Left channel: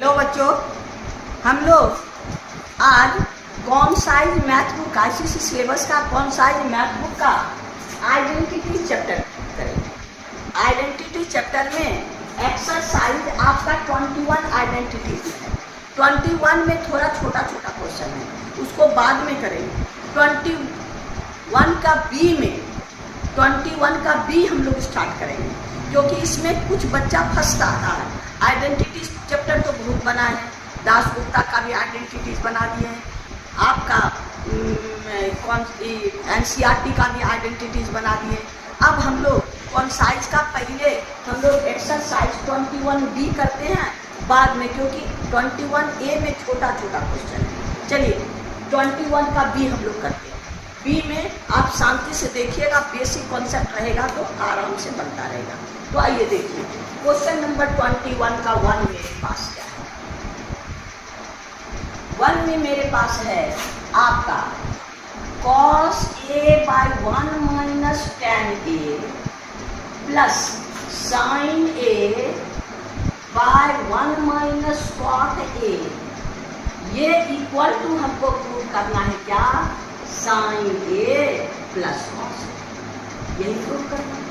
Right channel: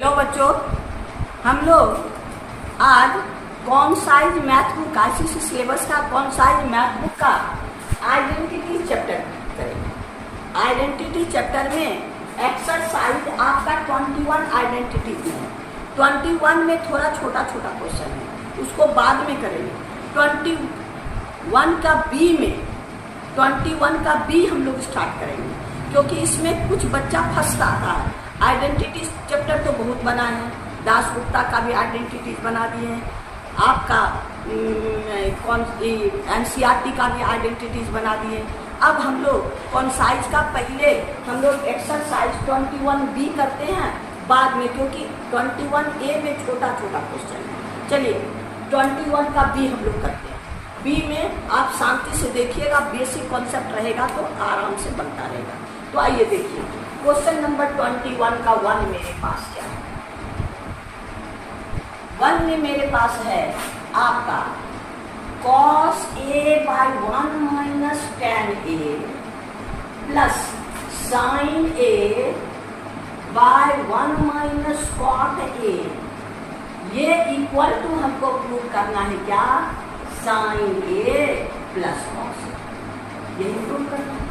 Hello बच्चों, हम लोग आज कौन size math book ICSE syllabus का कौन साइज मैथ बुक का आइडेंटिटी चैप्टर करेंगे। आइडेंटिटी चैप्टर में एक्सरसाइज आपका 21 आइडेंटिटीज में है। 21 में थोड़ा छोटा छोटा क्वेश्चन है, उसको बाद में करेंगे। 21 का बी हम लोग स्टार्ट करेंगे, क्योंकि इसमें कुछ बच्चा फंसता आता है। आइडेंटिटी चैप्टर तो बहुत बना है, दासगुप्ता का भी आइडेंटिटीज बना दिए हैं, आपका एनसीईआरटी का भी आइडेंटिटीज बना दिए। अब हम लोग कौन साइज का पहले हम लोग एक्सरसाइज 21B करते हैं बाद में, क्योंकि 21A में छोटा छोटा क्वेश्चन है। चलिए 21 का बी हम लोग करते हैं। बी में आप शांति से देखिएगा, बेसिक कॉन्सेप्ट रहेगा तो आराम से बनता रहेगा। तो आइए देखिए क्वेश्चन नंबर 21 का 1 मेरे पास क्या है। 1 में मेरे पास है आपका cos A by 1 minus tan A plus sin A by 1 minus cot A, ये इक्वल टू हमको प्रूव करना है क्या, sin A plus cos A, यही प्रूव करना है।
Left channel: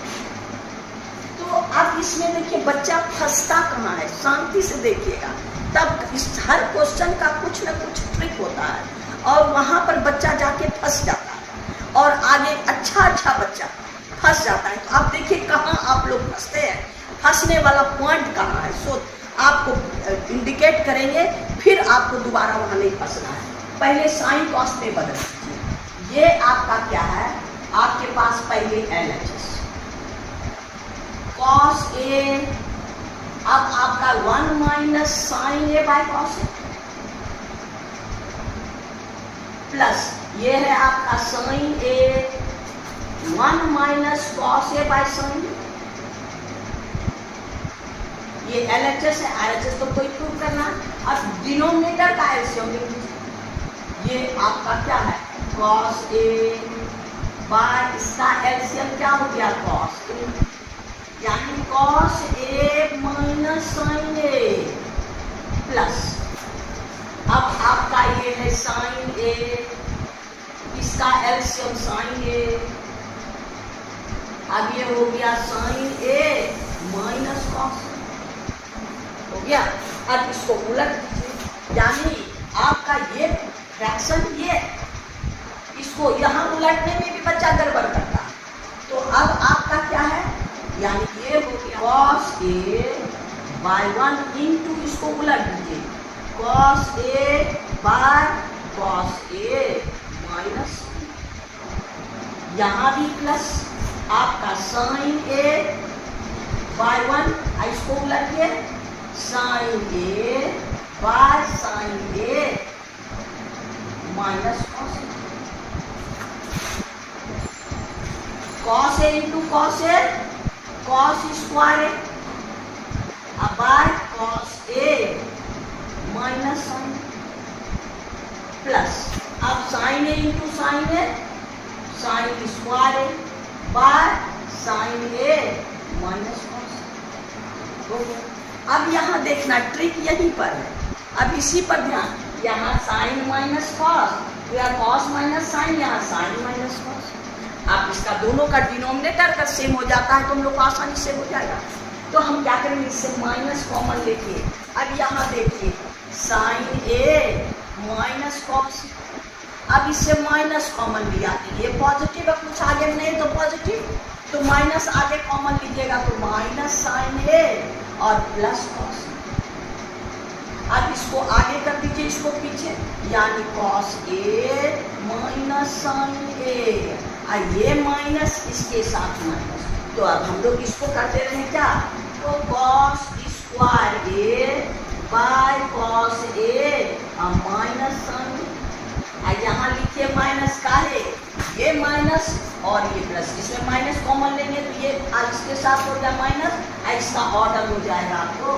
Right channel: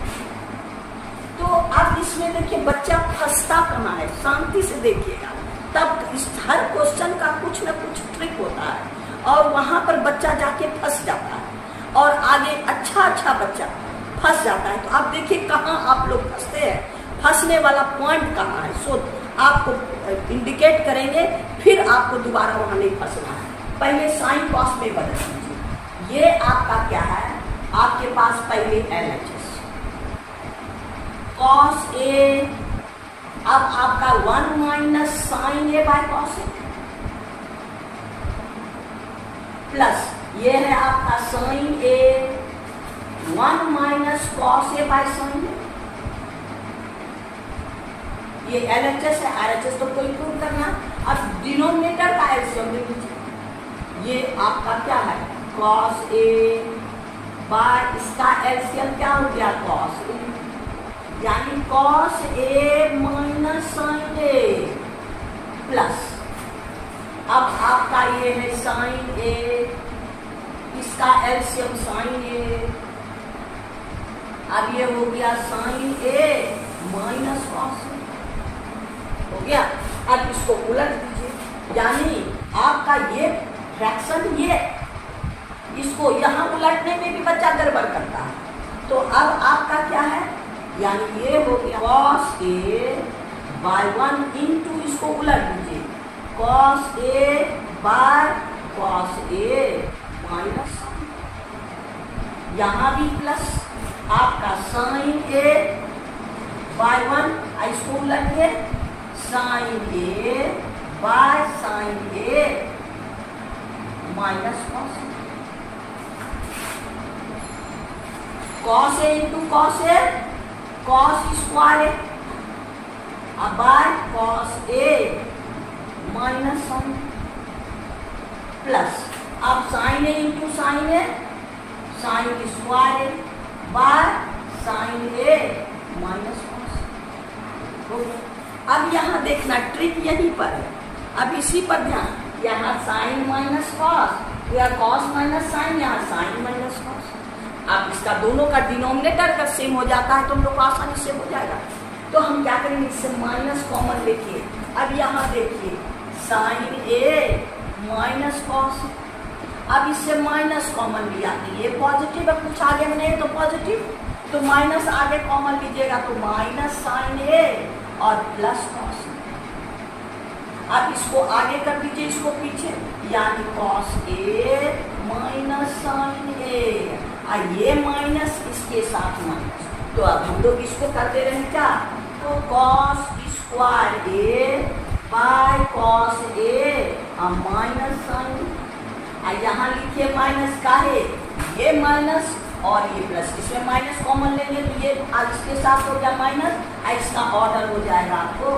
तो अब इसमें देखिए बच्चा फंसता कहाँ है, शांति से देखिएगा, तब इस हर क्वेश्चन का कुछ न कुछ ट्रिक होता है और वहां पर बच्चा जाके फंस जाता है और आगे अच्छा बच्चा फंस जाता है। तो आप देखिए कहाँ आप लोग फंसते हैं, फंसने वाला पॉइंट कहाँ है, सो आपको इंडिकेट करेंगे, फिर आपको दोबारा वहां नहीं फंसना है। पहले साइन कॉस में बदल दीजिए। ये आपका क्या है, आपके पास पहले LHS cos A, अब आपका 1 minus sine A by cos A plus ये है आपका sine A 1 minus cos A by sine A। ये LHS है, RHS तो कोई प्रूव करना है। अब डिनोमिनेटर का एलसीएम ले लीजिए। ये आपका क्या है, cos A बाय इसका एलसीएम क्या हो गया, cos A, यानी cos A minus sine A plus अब आपका ये है साइन A, इसका एलसीएम साइन A, अब ये हो गया sine A minus cos A हो गया। अब इसको उलट दीजिए, यानी आपका ये फ्रैक्शन ये, इसको यहाँ उलटने में भी बच्चा गड़बड़ करता है। तो अब आपका क्या है, यानी ये हो गया cos A बाय 1 इंटू, इसको उलट दीजिए, cos A by cos A minus, यहाँ भी प्लस आपका sin A बाय 1, इसको उलटिए sin A by sin A minus cos A into cos A, cos square अब by cos A minus sine plus अब sin A into sine A, sine square by sine A minus cos हो गया। अब यहाँ देखना trick यहीं पर है, अब इसी पर ध्यान, यहाँ साइन माइनस कॉस या कॉस माइनस साइन, यहाँ साइन माइनस कॉस। अब इसका दोनों का डिनोमिनेटर अगर सेम हो जाता है तो हम लोग को आसानी से हो जाएगा। तो हम क्या करेंगे, इससे माइनस कॉमन लेके, अब यहाँ देखिए साइन A माइनस कॉस, अब इससे माइनस कॉमन लिया, ये पॉजिटिव है, कुछ आगे नहीं तो पॉजिटिव, तो माइनस आगे कॉमन लीजिएगा तो माइनस साइन A और प्लस कॉस। अब इसको आगे कर दीजिए, इसको पीछे, यानी cos A minus sine A, ये माइनस इसके साथ माइनस। तो अब हम लोग इसको करते रहे क्या, तो cos square A by cos A और माइनस साइन, यहाँ लिखिए माइनस का है, ये माइनस और ये प्लस, इसमें माइनस कॉमन लेंगे तो ये इसके साथ हो गया माइनस, इसका ऑर्डर हो जाएगा आपको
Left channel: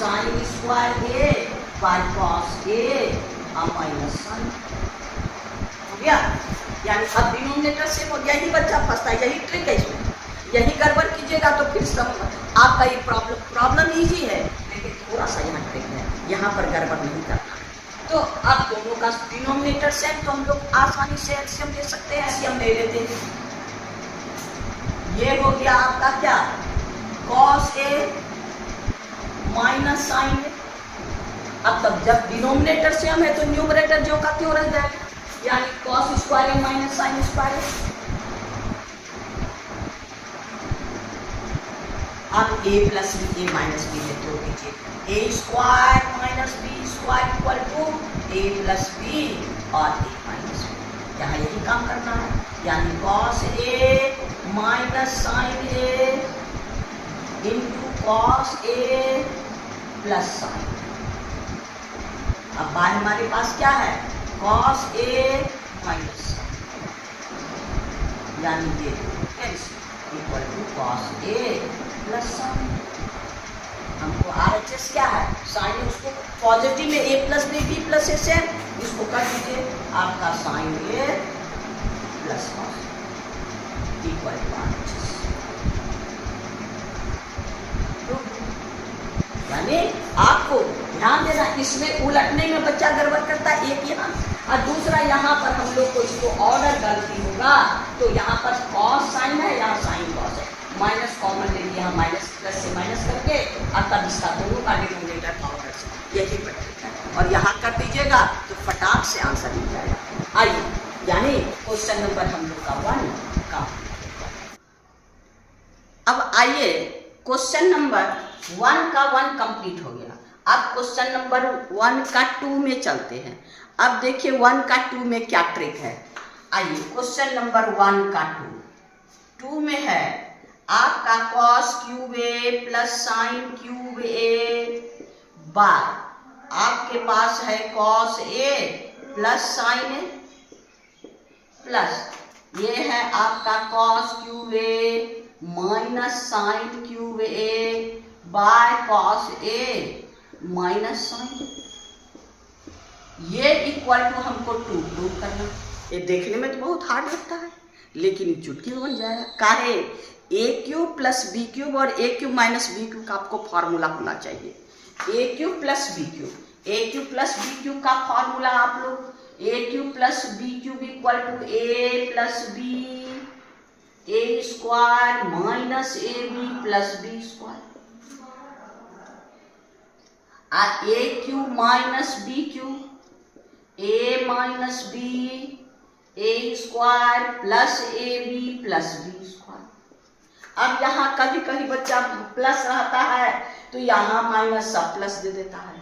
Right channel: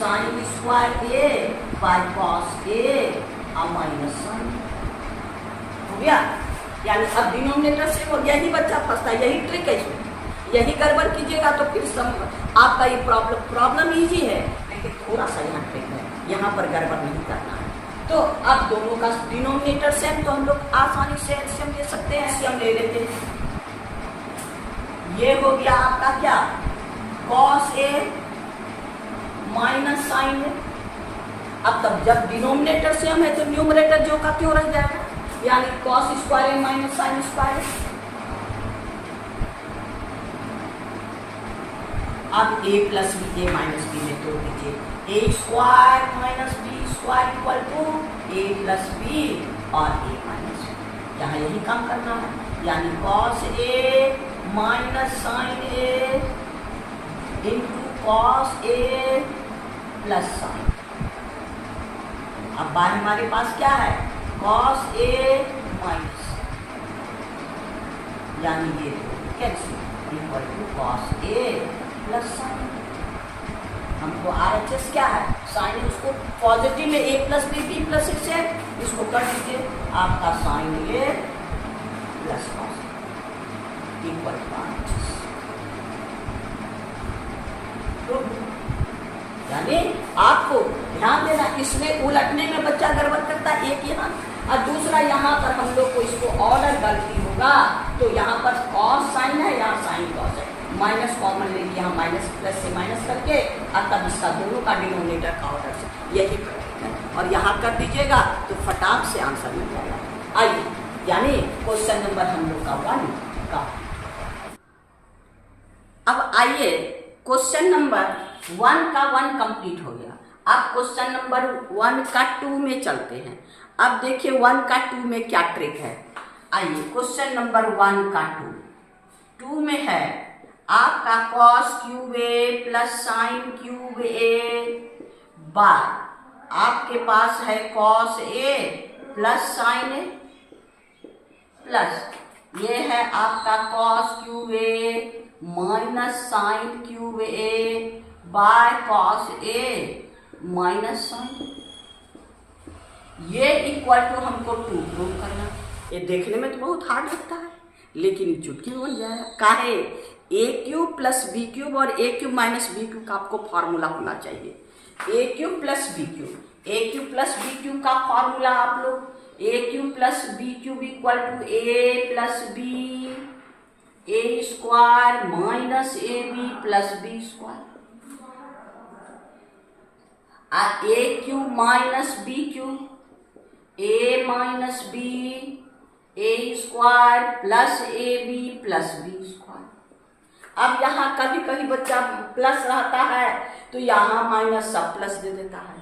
sine square A by cos A और माइनस साइन हो गया। यानी अब डिनोमिनेटर से हो गया, यही बच्चा फंसता है, यही ट्रिक है इसमें, यही गड़बड़ कीजिएगा तो फिर आपका ये प्रॉब्लम इजी है, लेकिन थोड़ा सा यहाँ ट्रिक है। यहाँ पर गड़बड़ नहीं करना है। तो अब दोनों का डिनोमिनेटर सेम, तो हम लोग आसानी से एलसीएम ले सकते हैं। एलसीएम ले लेते हैं। ये हो गया आपका क्या, cos A minus sine A. अब तब जब डिनोमिनेटर सेम है तो न्यूमरेटर जो का क्यों रह जाएगा, यानी cos square A minus sine square. अब a plus B A minus B में तोड़ दीजिए। A square minus B square equal to A plus B और ए माइनस बी। यहाँ यही काम करना है, यानी cos A minus sine A into cos A plus sign. अब बाहर हमारे पास क्या है, कॉस ए माइनस, यानी ये cancel equal to cos A plus sine. हमको RHS क्या है, साइन उसको पॉजिटिव में A plus B B plus A से इसको कर दीजिए, आपका sine A plus cos equal to RHS। यानी आपको ध्यान देना, इसमें उलटने में बच्चा गड़बड़ करता है, एक यहाँ और दूसरा यहाँ पर हम लोग को इसको ऑर्डर गलती होगा, तो यहाँ पर कॉस साइन है, यहाँ साइन कॉस है, माइनस कॉमन लेंगे यहाँ माइनस प्लस से माइनस करके, और तब इसका दोनों का डिनोमिनेटर का ऑर्डर से यही पड़ेगा और यहाँ कर दीजिएगा तो फटाक से आंसर मिल जाएगा। आइए, यानी क्वेश्चन नंबर हम लोग का 1 का। अब आइए क्वेश्चन नंबर 1 का 1 कंप्लीट हो गया। अब क्वेश्चन नंबर 1 का 2 में चलते हैं। अब देखिए 1 का 2 में क्या ट्रिक है। आइए क्वेश्चन नंबर 1 का 2 में है आपका cos cube A plus sine cube A बार, आपके पास है cos A plus sine A plus ये है आपका cos cube A minus sine cube A by cos A minus sine. ये इक्वल टू हमको 2 प्रूव करना। ये देखने में तो बहुत हार्ड लगता है, लेकिन चुटकी बन जाएगा। काहे, A cube plus B cube और A cube minus B cube का आपको फॉर्मूला होना चाहिए। A cube plus B cube, A cube plus B cube का फॉर्मूला आप लोग, A cube plus B cube equal to A plus B A square minus A B plus B square. A cube minus B cube A minus B A square plus A B plus B square. अब यहाँ कभी कभी बच्चा plus रहता है तो यहाँ minus सब प्लस दे देता है।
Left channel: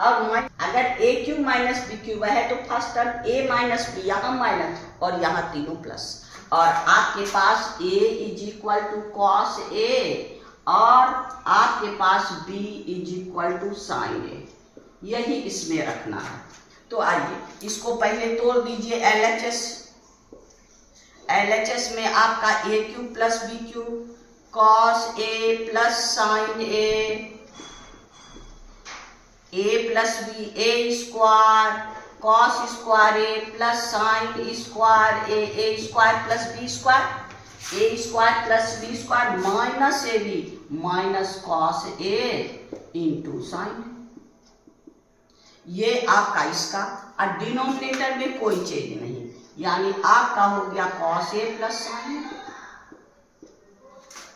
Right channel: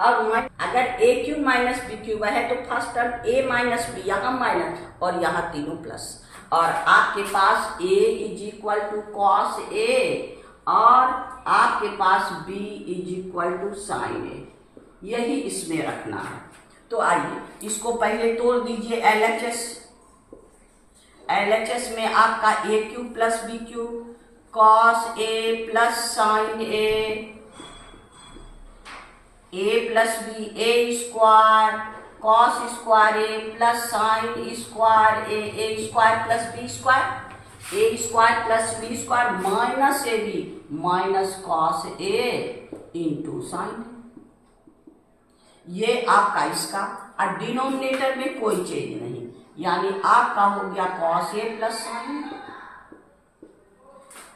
अब अगर A cube minus B cube है तो first term A minus B, यहाँ माइनस और यहाँ तीनों प्लस, और आपके पास a is equal to cos A और आपके पास b is equal to sine A, यही इसमें रखना है। तो आइए इसको पहले तोड़ दीजिए LHS में आपका a cube plus B cube cos A plus sine A plus B A square cos square A plus sine square A square plus B square A square plus B square minus A B minus cos A into sine. ये आपका इसका, और denominator में कोई change नहीं, यानी आपका हो गया कॉस ए प्लस साइन।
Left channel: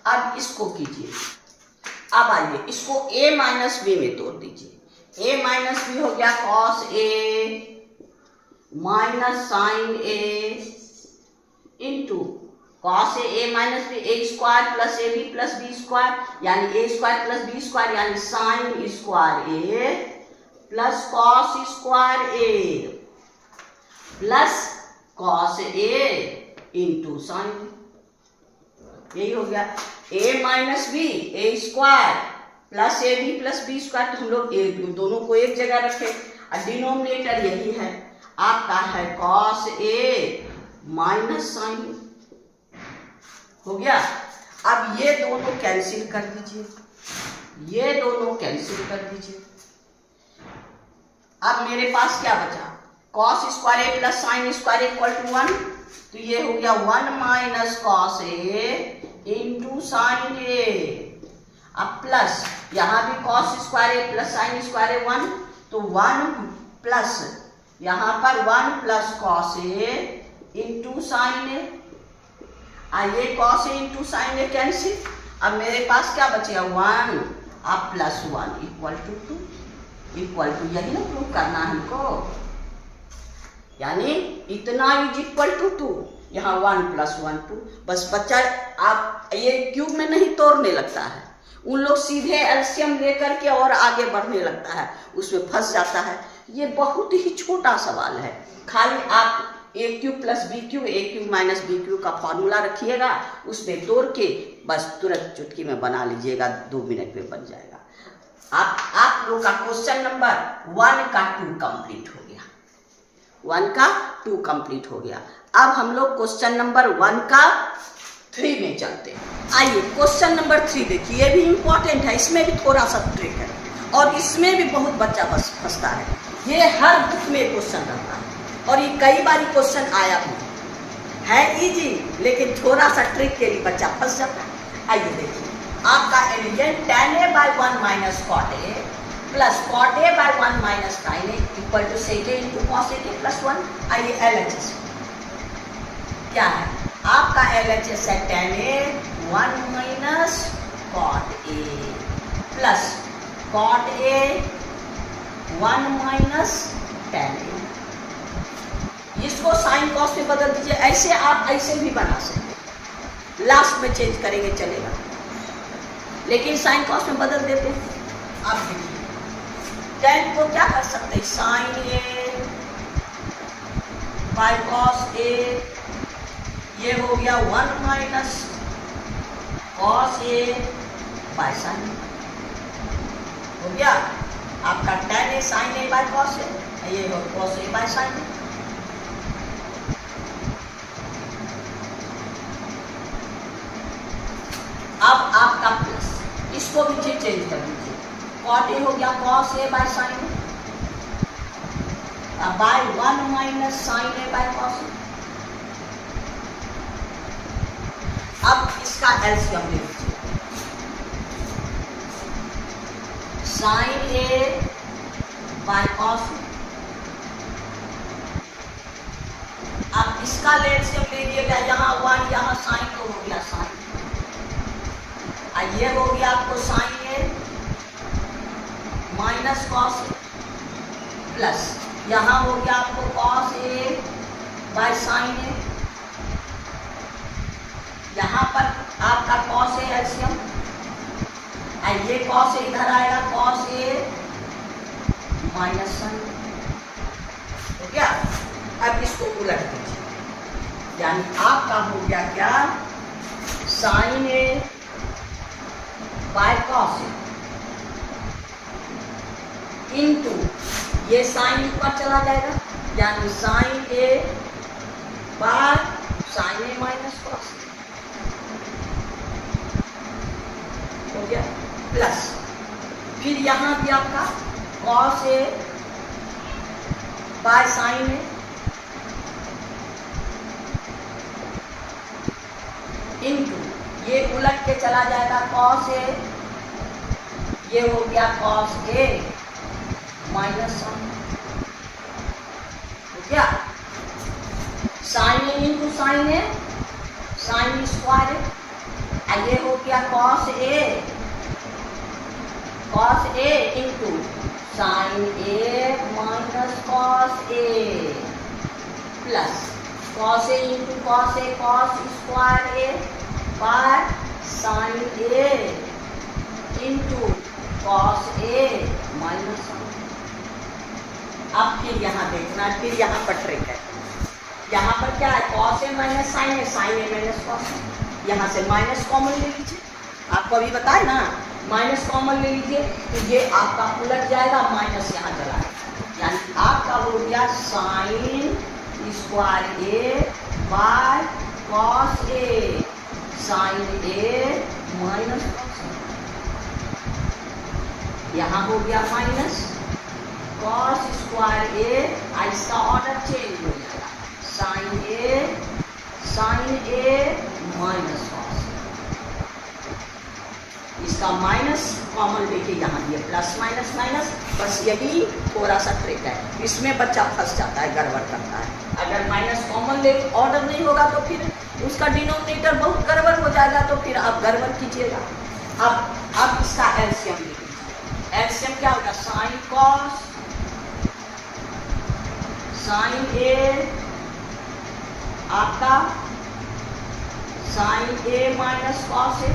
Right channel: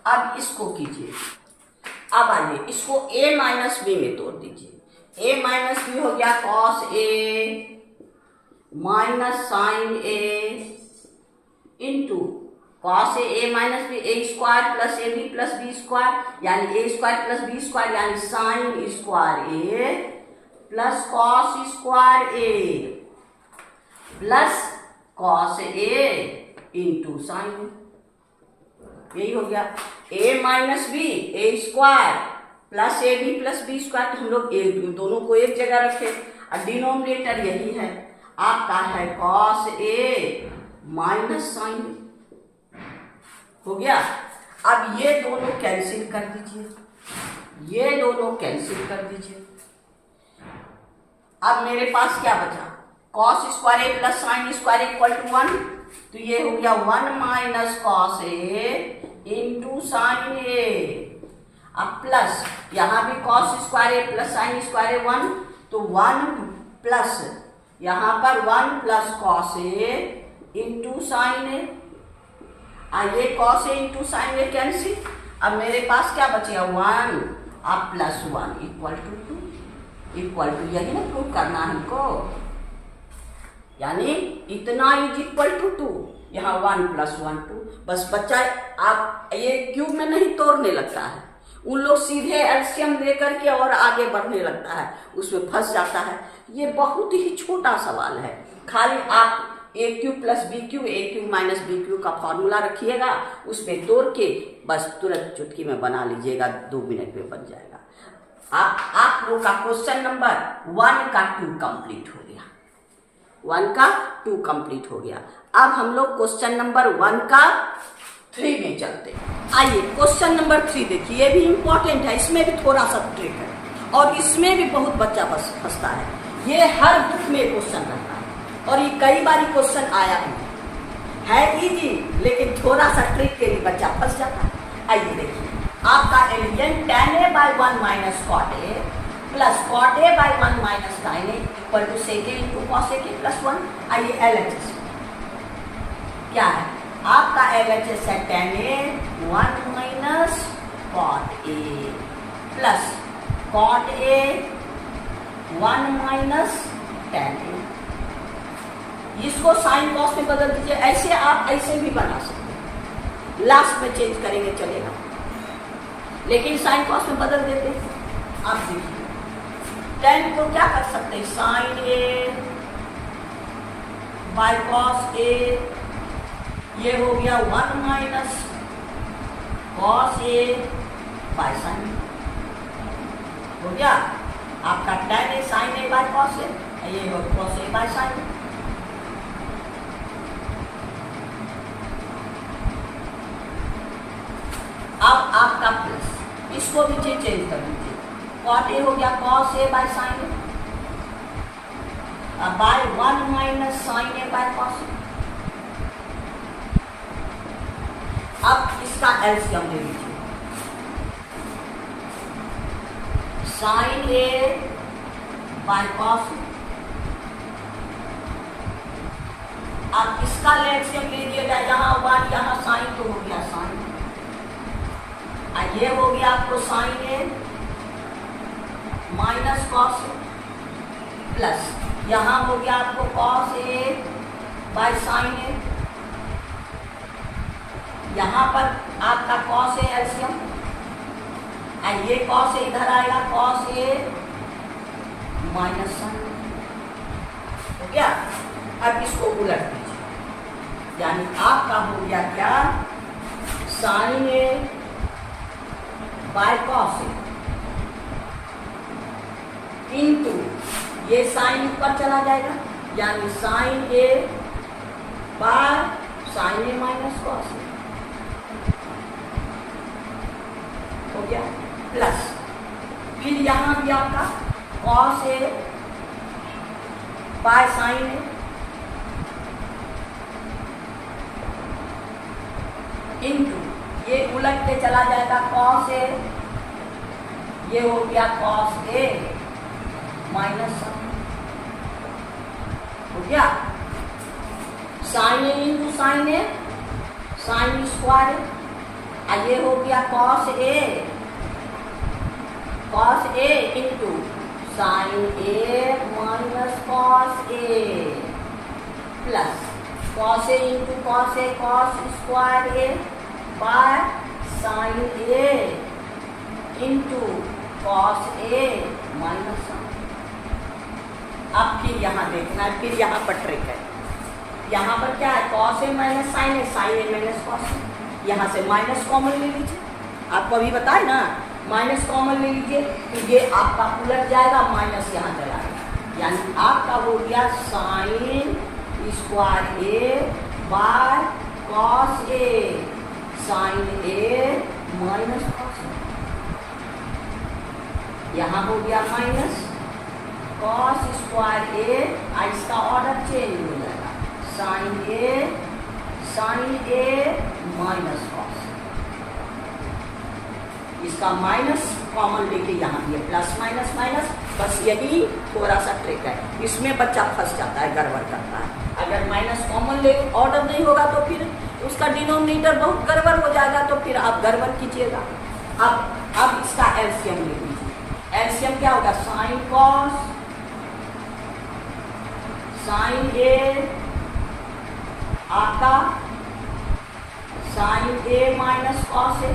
अब इसको कीजिए, अब आइए इसको a माइनस बी में तोड़ दीजिए। a माइनस बी हो गया cos A minus sine A into cos A minus B A square plus A B plus B square, यानी A square plus B square यानी sine square A plus cos square A plus cos A into sine. यही हो गया a minus B A square plus A B plus B square. तो हम लोग दोनों को एक जगह रखे और डिनोमिनेटर यही है आपका है कॉस ए माइनस साइन हो गया। अब ये दोनों कैंसिल कर दीजिए, ये दोनों कैंसिल कर दीजिए। अब मेरे पास क्या बचा, cos square A plus sine square equal to 1, तो ये हो गया 1 minus cos A into sine A. अब प्लस यहाँ भी cos square A plus sine square A 1, तो 1 प्लस यहाँ पर 1 plus cos A into sine A, ये cos A into sine A cancel. अब मेरे पास क्या बचेगा 1 अब plus 1 equal to 2, equal to यही ना प्रूव करना है हमको, यानी इतना इज इक्वल टू 2, यहाँ 1 प्लस 1 2। बस बच्चा आप ये क्यूब में नहीं तोड़ने लगता है, उन लोग सीधे एलसीएम लेकर के और आगे बढ़ने लगता है, उसमें फंस जाता है। ये बहुत ही छोटा सवाल है, खाली आप ए cube plus B cube A cube minus B cube का फॉर्मूला रखिएगा, उसमें तोड़ के बस तुरंत चुटकी में बना लीजिएगा, 2 मिनट में बन जाएगा। आप लोग का क्वेश्चन नंबर 1 का 2 कंप्लीट हो गया, 1 का 2 कंप्लीट हो गया। अब हम लोग क्वेश्चन नंबर 1 का 3 में चलते हैं। आइए क्वेश्चन नंबर 3 देखिए, ये भी इंपॉर्टेंट है, इसमें भी थोड़ा सा ट्रिक है और इसमें भी बहुत बच्चा फंसता है। ये हर बुक में क्वेश्चन रहता है और ये कई बार क्वेश्चन आया है इजी, लेकिन थोड़ा सा ट्रिक के लिए बच्चा फंस जाता है। आइए देखिए, आपका elegant tan a by 1 minus cot a plus cot a by 1 minus sin a equal to sec a into cos a plus 1। आइए LHS क्या है, आपका LHS है tan a 1 minus cot a plus cot a 1 minus tan a। इसको sine cos में बदल दीजिए, ऐसे आप ऐसे भी बना सकते, लास्ट में चेंज करेंगे चलेगा, लेकिन साइन कॉस में बदल देते हैं। आप देखिए tan को क्या कर सकते हैं, sine A by cos A, ये हो गया 1 minus cos A by sine, हो गया आपका tan A sine A by cos A, ये हो cos A by sine A. अब आपका प्लस, इसको भी चेंज कर दीजिए, कॉट ए हो गया cos A by sine A by 1 minus sine A by cos A. अब इसका एलसीएम ले लीजिए, sine A by cos A. अब इसका एलसीएम ले लीजिएगा, यहाँ 1 यहाँ साइन तो हो गया साइन, ये हो गया आपको sign A minus cos A plus यहाँ हो गया आपको कॉस ए बाय साइन ए, यहाँ पर आपका कॉस ए एलसीएम, ये कॉस ए इधर आएगा कॉस ए माइनस साइन, तो क्या अब इसको उलट दीजिए, यानी आपका हो गया क्या sine A by cos A into ये साइन ऊपर चला जाएगा, यानी sine A by sine A minus cos A, हो गया प्लस, फिर यहाँ भी आपका cos A by sine A into ये उलट के चला जाएगा कॉस ए, ये हो गया कॉस ए माइनस साइन, हो गया sine A into sine A sine square A, ये हो गया cos A into sine A minus cos A plus cos A into cos A cos square A by sine A into cos A minus sine. अब फिर यहाँ देखना है, फिर यहाँ पर ट्रिक है, यहाँ पर क्या है cos A minus sine A minus cos A, यहाँ से माइनस कॉमन ले लीजिए, आपको अभी बताए ना माइनस कॉमन ले लीजिए, तो ये आपका उलट जाएगा, माइनस यहाँ चलाएगा, यानी आपका हो गया sine square A by cos A sine A minus cos A, यहाँ हो गया माइनस कॉस स्क्वायर ए, इसका ऑर्डर चेंज हो जाएगा साइन ए माइनस कॉस, इसका माइनस कॉमन लेके यहाँ ये प्लस माइनस माइनस, बस यही थोड़ा सा ट्रिक है, इसमें बच्चा फंस जाता है, गड़बड़ करता है। अगर माइनस कॉमन ले ऑर्डर नहीं होगा तो फिर उसका डिनोमिनेटर बहुत गड़बड़ हो जाएगा, तो फिर आप गड़बड़ कीजिएगा। अब इसका एलसीएम ले लीजिए। एलसीएम क्या होगा? साइन कॉस साइन ए आपका sine A minus cos A,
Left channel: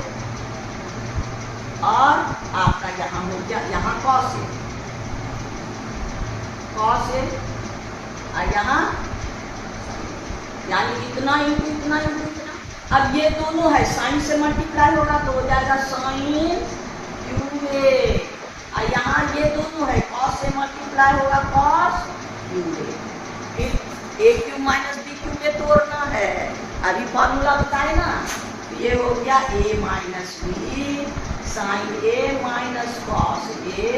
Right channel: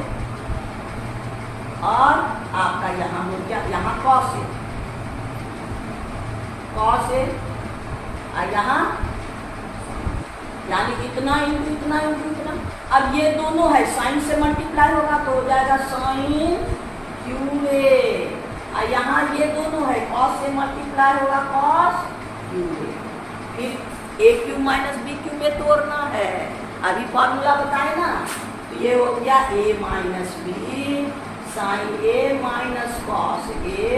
और आपका यहाँ हो गया यहाँ कॉस ए, कॉस ए, और यहाँ यानी इतना इंटू इतना इंटू इतना। अब ये दोनों है, साइन से मल्टीप्लाई होगा तो हो जाएगा साइन क्यू ए, और यहाँ ये दोनों है, कॉस से मल्टीप्लाई होगा कॉस क्यू ए। फिर ए क्यू माइनस बी क्यू में तोड़ना है, अभी फॉर्मूला बताए ना, तो ये हो गया A minus B sine A minus cos A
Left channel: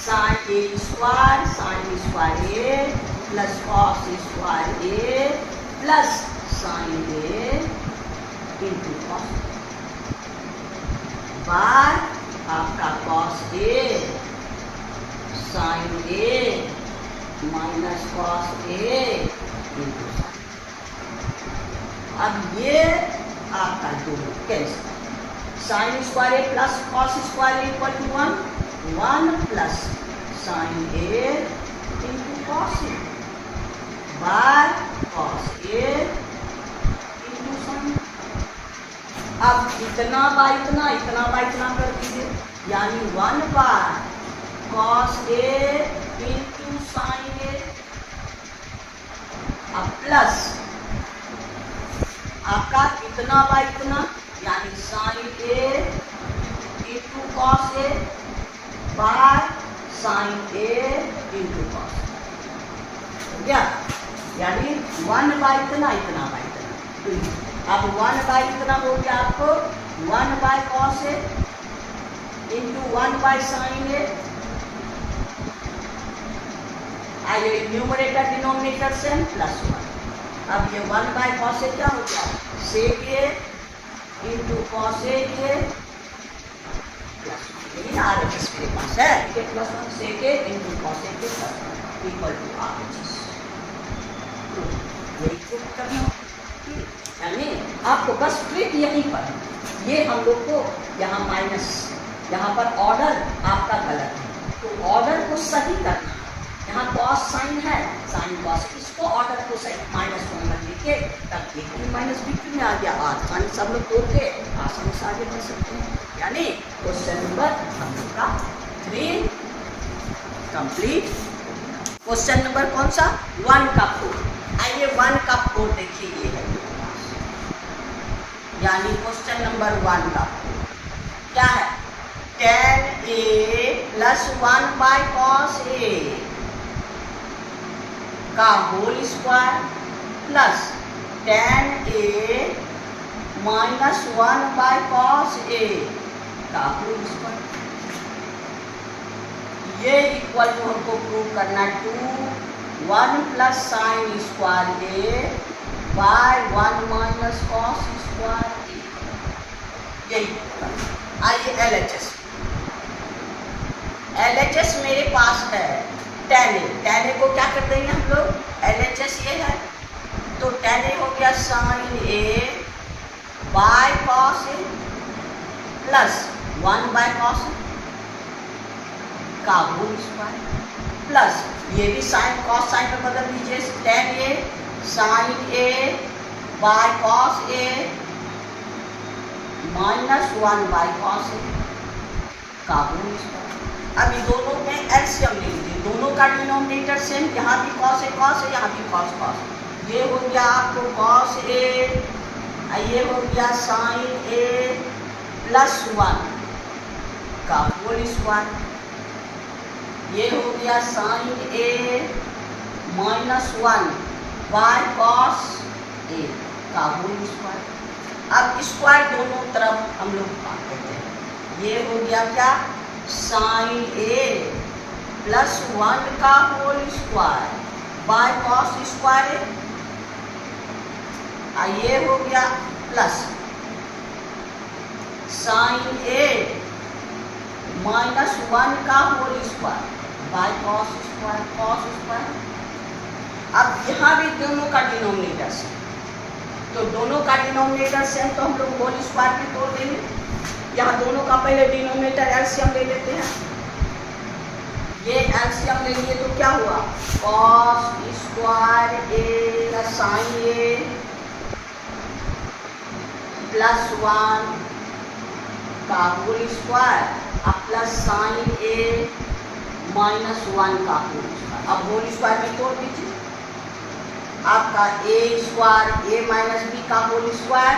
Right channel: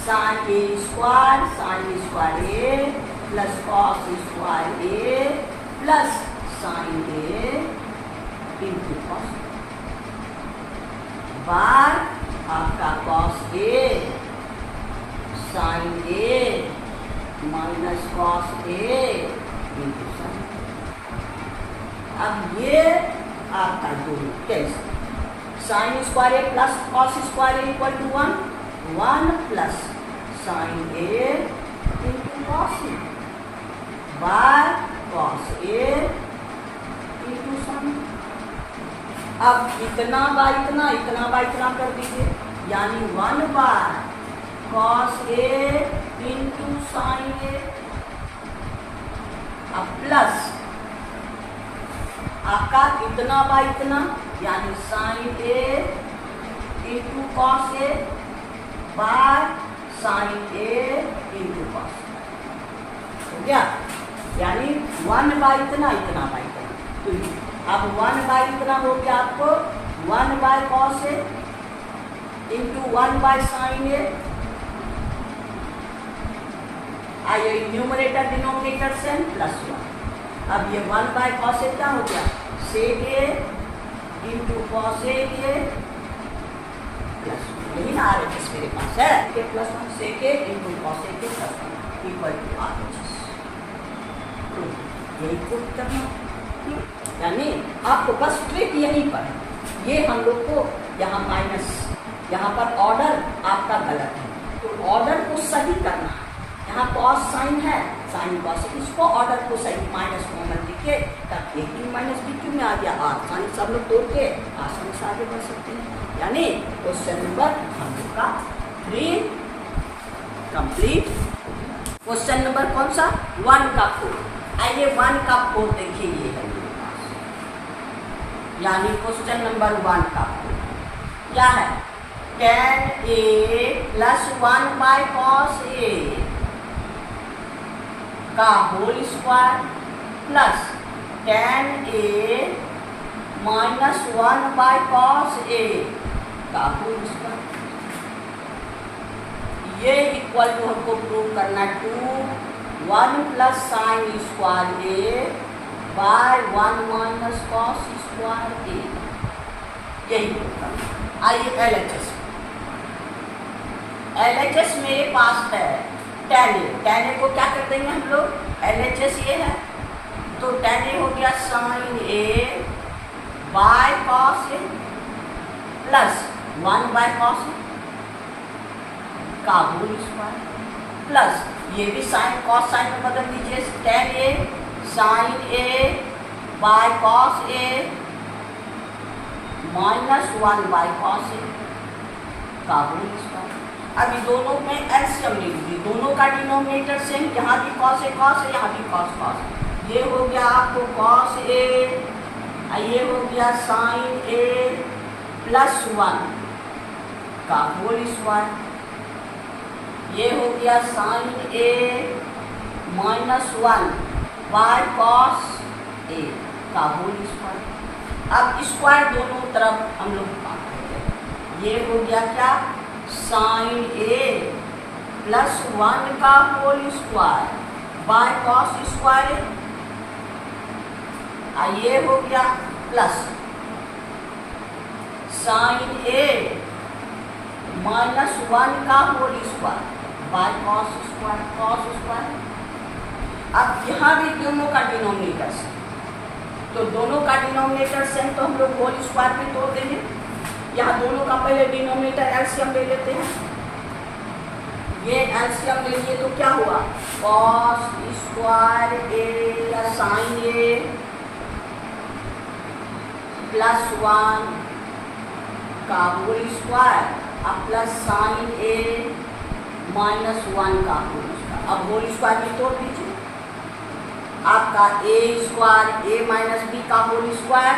sine A square A plus cos square A plus sine A into cos बार आपका cos A sine A minus cos A into sine. अब ये आपका दोनों कैसे, sine square A plus cos square A equal to 1 plus sine A into cos A by cos A into sine. अब इतना by इतना, इतना बाय इतना कर दीजिए, यानी 1 by cos A into sine A, अब प्लस आपका इतना बाय इतना यानी sine A into cos A by sine A into cos, हो गया? यानी 1 बाय इतना इतना बाय इतना, तो अब 1 बाय इतना हो गया आपको 1 by cos A into 1 by sine A, आइए न्यूमरेटर डिनोमिनेटर सेम प्लस 1। अब ये 1 बाय कॉस ए क्या हो गया? Sec A into cos A plus, यही ना आर एच एस मेरे पास है, के plus 1 sec A into cos A plus 1 equal to R H S. यही प्रूव करना, यानी आपको बस ट्रिक यहीं पर है। ये हम लोग को यहाँ माइनस, यहाँ पर ऑर्डर आपका गलत है, तो ऑर्डर को सही करना है। यहाँ कॉस साइन है, साइन कॉस, इसको ऑर्डर को सही माइनस कॉमन लिख के तब ए क्यू माइनस बी क्यू में आ गया, आसानी सब लोग तोड़ के आसानी से आगे बढ़ सकते हैं। यानी क्वेश्चन नंबर हम लोग का 3 कंप्लीट। क्वेश्चन नंबर कौन सा? 1 का 4। आइए 1 का 4 देखिए, ये है मेरे पास, यानी क्वेश्चन नंबर 1 का 4 क्या है? tan A plus 1 by cos A का whole square plus tan A minus 1 by cos A का होल स्क्वायर, ये इक्वल टू हमको प्रूव करना 1 plus sine square A by 1 minus cos square A, यही करना। आइए एलएचएस, एलएचएस मेरे पास है tan ए को क्या कर देंगे हम लोग? एलएचएस ये है, तो tan ए हो गया sine A by cos A plus 1 by cos A का होल स्क्वायर प्लस ये भी साइन कॉस साइन पर बदल दीजिए, tan A sine A by cos A minus 1 by cos A का होल स्क्वायर। अब ये दोनों में एलसीएम ले लीजिए, दोनों का डिनोमिनेटर सेम, यहाँ भी कॉस है यहाँ भी कॉस कॉस, ये हो गया आपको कॉस ए, ये हो गया साइन ए प्लस 1 का होल स्क्वायर, ये हो गया sine A minus 1 by cos A का होल स्क्वायर। अब स्क्वायर दोनों तरफ हम लोग काटते हैं, ये हो गया क्या? साइन ए प्लस 1 का whole square by cos square, ये हो गया प्लस साइन ए माइनस 1 का whole square by cos square. अब यहाँ भी दोनों का डिनोमिनेटर सेम, तो दोनों का डिनोमिनेटर सेम तो हम लोग होल स्क्वायर में तोड़ देंगे। यहाँ दोनों का पहले डिनोमिनेटर एलसीएम ले लेते हैं। ये एलसीएम लेंगे तो क्या हुआ, cos square A sine A plus 1 का होल स्क्वायर अब प्लस साइन ए माइनस 1 का होल स्क्वायर। अब होल स्क्वायर में तोड़ दीजिए, आपका ए स्क्वायर ए माइनस बी का whole square,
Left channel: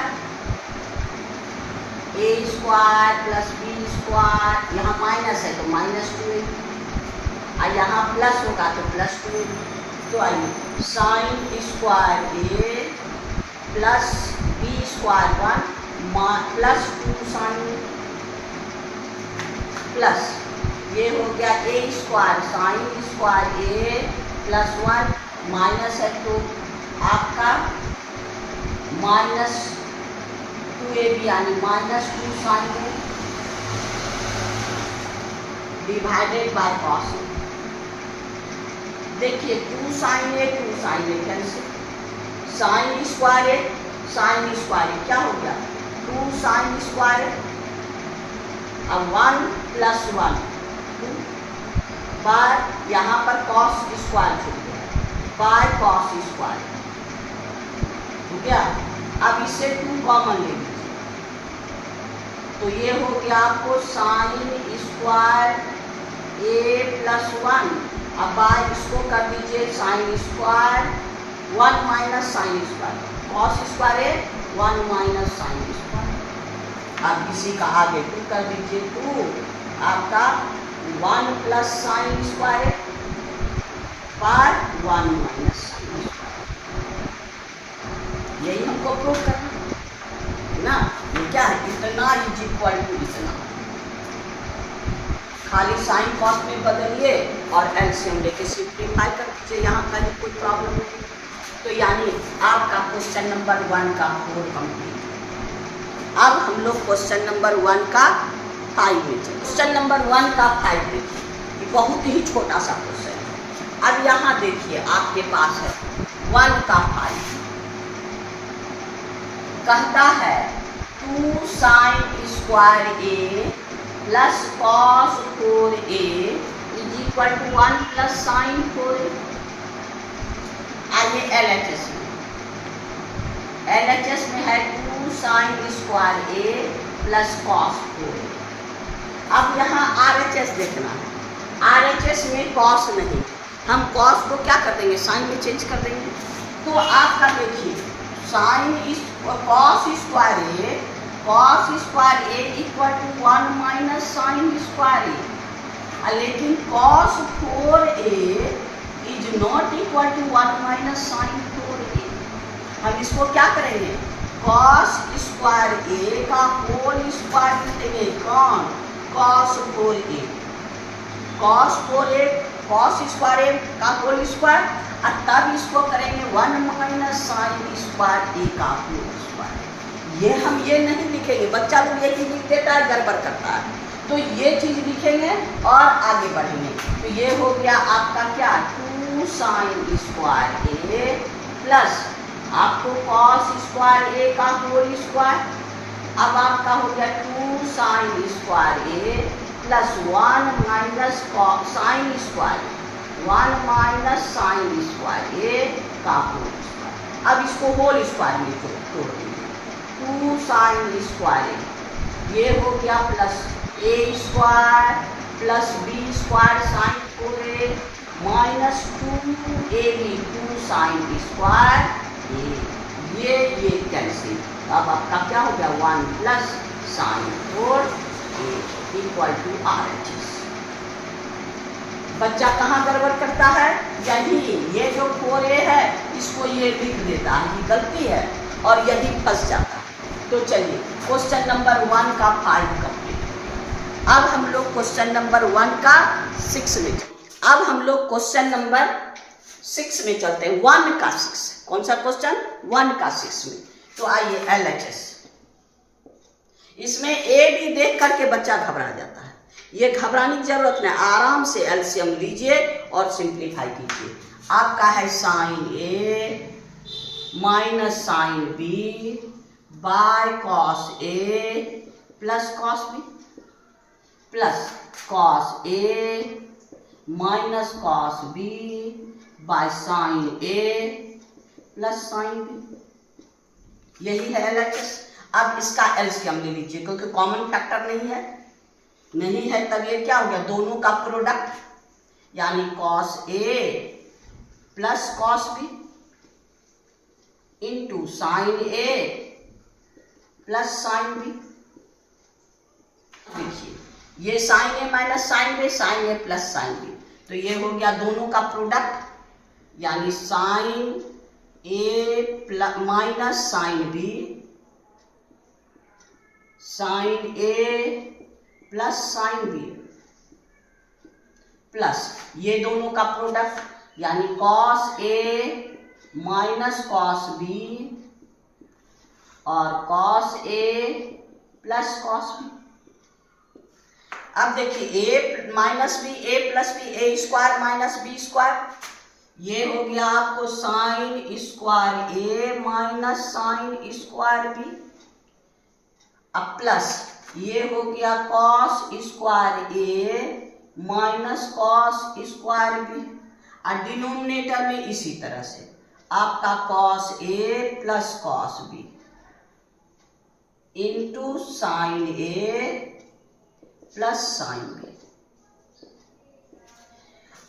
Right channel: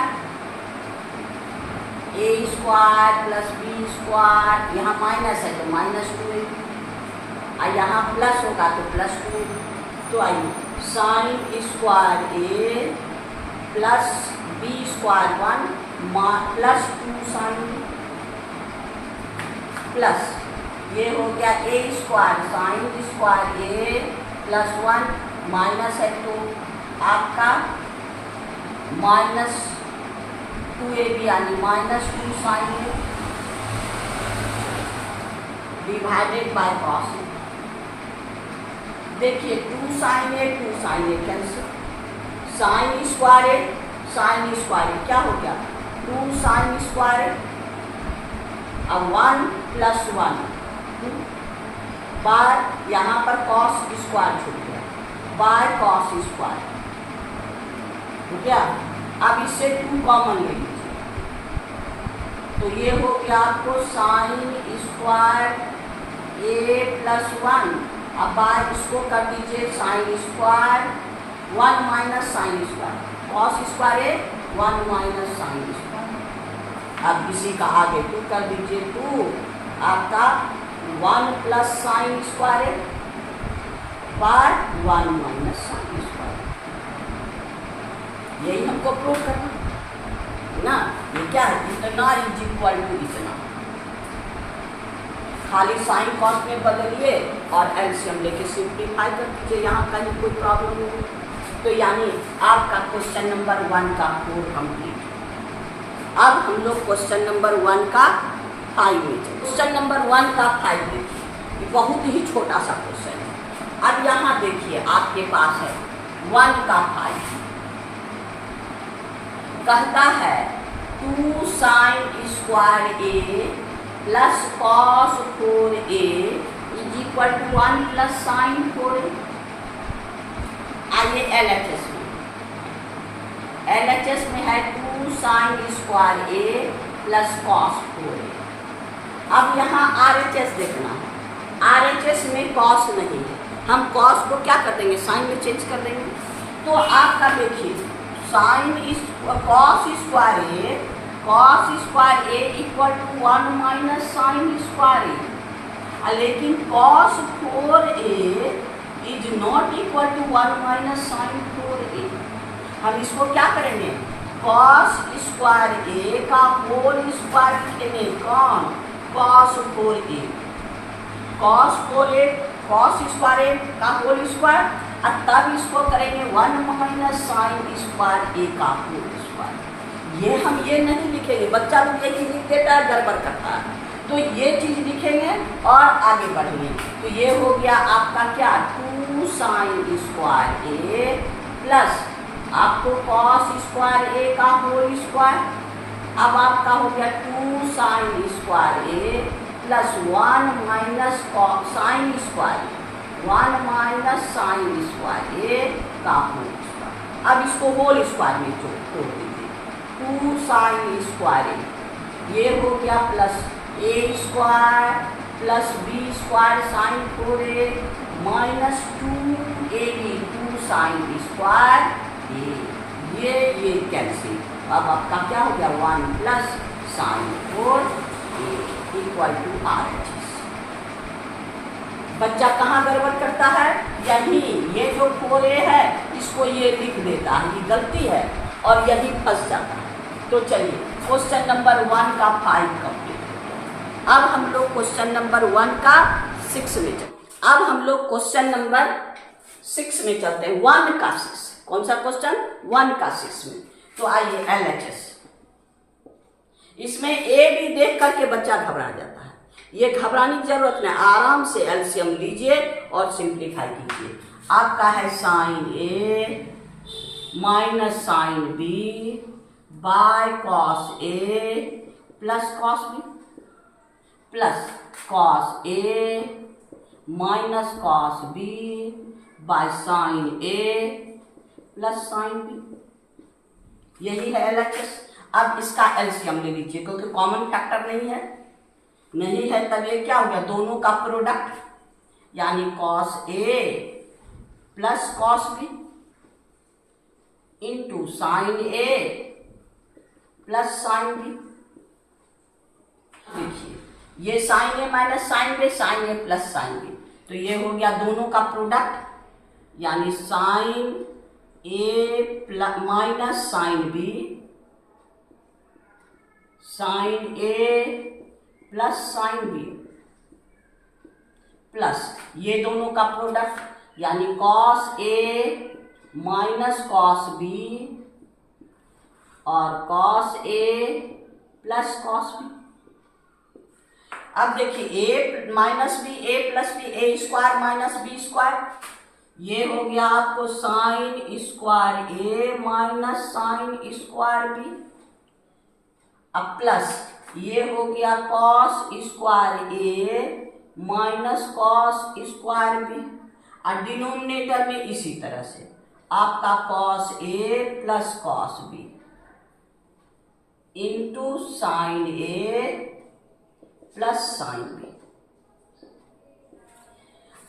A square plus B square, यहाँ माइनस है तो माइनस 2 और यहाँ प्लस होगा तो प्लस 2। तो आइए sine square A plus B square 1 plus 2 sine plus ये हो गया A square sine square A plus 1 minus है तो आपका माइनस 2ab यानी minus 2 sine A divided by cos. देखिए 2 sine A cancel, sine square क्या हो गया 2 साइन स्क्वायर, अब 1 प्लस 1 बाय यहाँ पर कॉस स्क्वायर छूट गया बाय कॉस स्क्वायर हो गया। अब इससे 2 कॉमन ले लीजिए तो ये हो गया आपको साइन स्क्वायर ए प्लस 1, अब बाय इसको कर दीजिए sine square 1 minus sine square cos square A 1 minus sine square. अब इसी का आगे 2 कर दीजिए 2 आपका 1 plus sine square bye 1 minus sine square. यही हमको प्रूव करना है ना। ये क्या है, इतना इज इक्वल टू इतना, खाली साइन कॉस में बदलिए और एलसीएम लेके सिंप्लीफाई कर दीजिए, यहाँ कहीं कोई प्रॉब्लम नहीं। तो यानी आपका क्वेश्चन नंबर 1 का 4 कंप्लीट। अब हम लोग क्वेश्चन नंबर 1 का 5 में चले। क्वेश्चन नंबर 1 का 5 देखिए, ये बहुत ही छोटा सा क्वेश्चन है। अब यहाँ देखिए आपके पास है 1 का 5, कहता है 2 sine square A plus cos 4a is equal to 1 plus sine 4a। आइए LHS में है 2 sine square A plus cos 4a। अब यहाँ RHS देखना है, RHS में कॉस नहीं, हम कॉस को क्या कर देंगे साइन में चेंज कर देंगे। तो आपका देखिए sine cos square A equal to 1 minus sine square A, लेकिन cos 4a is not equal to 1 minus sine 4a। हम इसको क्या करेंगे, कॉस स्क्वायर ए का होल स्क्वायर लिखेंगे, कौन cos 4a, cos square A का होल स्क्वायर, और तब इसको करेंगे 1 माइनस साइन स्क्वायर ए का होल स्क्वायर। ये हम ये नहीं लिखेंगे, बच्चा लोग ये चीज़ लिख देता है गड़बड़ करता है, तो ये चीज़ लिखेंगे और आगे बढ़ेंगे। तो ये हो गया आपका क्या 2 साइन स्क्वायर ए प्लस आपको कॉस स्क्वायर ए का होल स्क्वायर, अब आपका हो गया 2 sine square A plus 1 minus sine square 1 minus sine square A का होल स्क्वायर। अब इसको होल स्क्वायर में तोड़ दीजिए, 2 साइन स्क्वायर ए ये हो गया plus A square plus B square sine 4a minus 2ab 2 sine square A, ये कैंसिल। अब आपका क्या हो गया 1 plus sine 4a equal to RHS। बच्चा कहाँ गड़बड़ करता है, यही ये जो 4a है इसको ये लिख देता है, ये गलती है और यही फंस जाता है। तो चलिए क्वेश्चन नंबर 1 का 5 कंप्लीट। अब हम लोग क्वेश्चन नंबर 1 का 6 में चलते। अब हम लोग क्वेश्चन नंबर 6 में चलते हैं, 1 का 6। कौन सा क्वेश्चन 1 का 6 में। तो आइए LHS, इसमें ए बी देख करके बच्चा घबरा जाता है, ये घबराने की जरूरत नहीं, आराम से एलसीएम लीजिए और सिंप्लीफाई कीजिए। आपका है sine A minus sine B by cos A plus cos B plus cos A minus cos B by sine A plus sine B. यही है एलएचएस। अब इसका एलसीएम ले लीजिए, क्योंकि कॉमन फैक्टर नहीं है तब ये क्या हो गया, दोनों का प्रोडक्ट, यानी cos A plus cos B into sine A plus sine B. देखिए ये sine A minus sine B, sine A plus sine B, तो ये हो गया दोनों का प्रोडक्ट, यानी sine A minus sine B sine A plus sine B plus ये दोनों का प्रोडक्ट, यानी cos A minus cos B और cos A plus cos B. अब देखिए A minus B A plus B, A square minus B square, ये हो गया आपको sine square A minus sine square B. अब प्लस ये हो गया cos square A minus cos square B, और डिनोमिनेटर में इसी तरह से आपका cos A plus cos B into sine A plus sine B.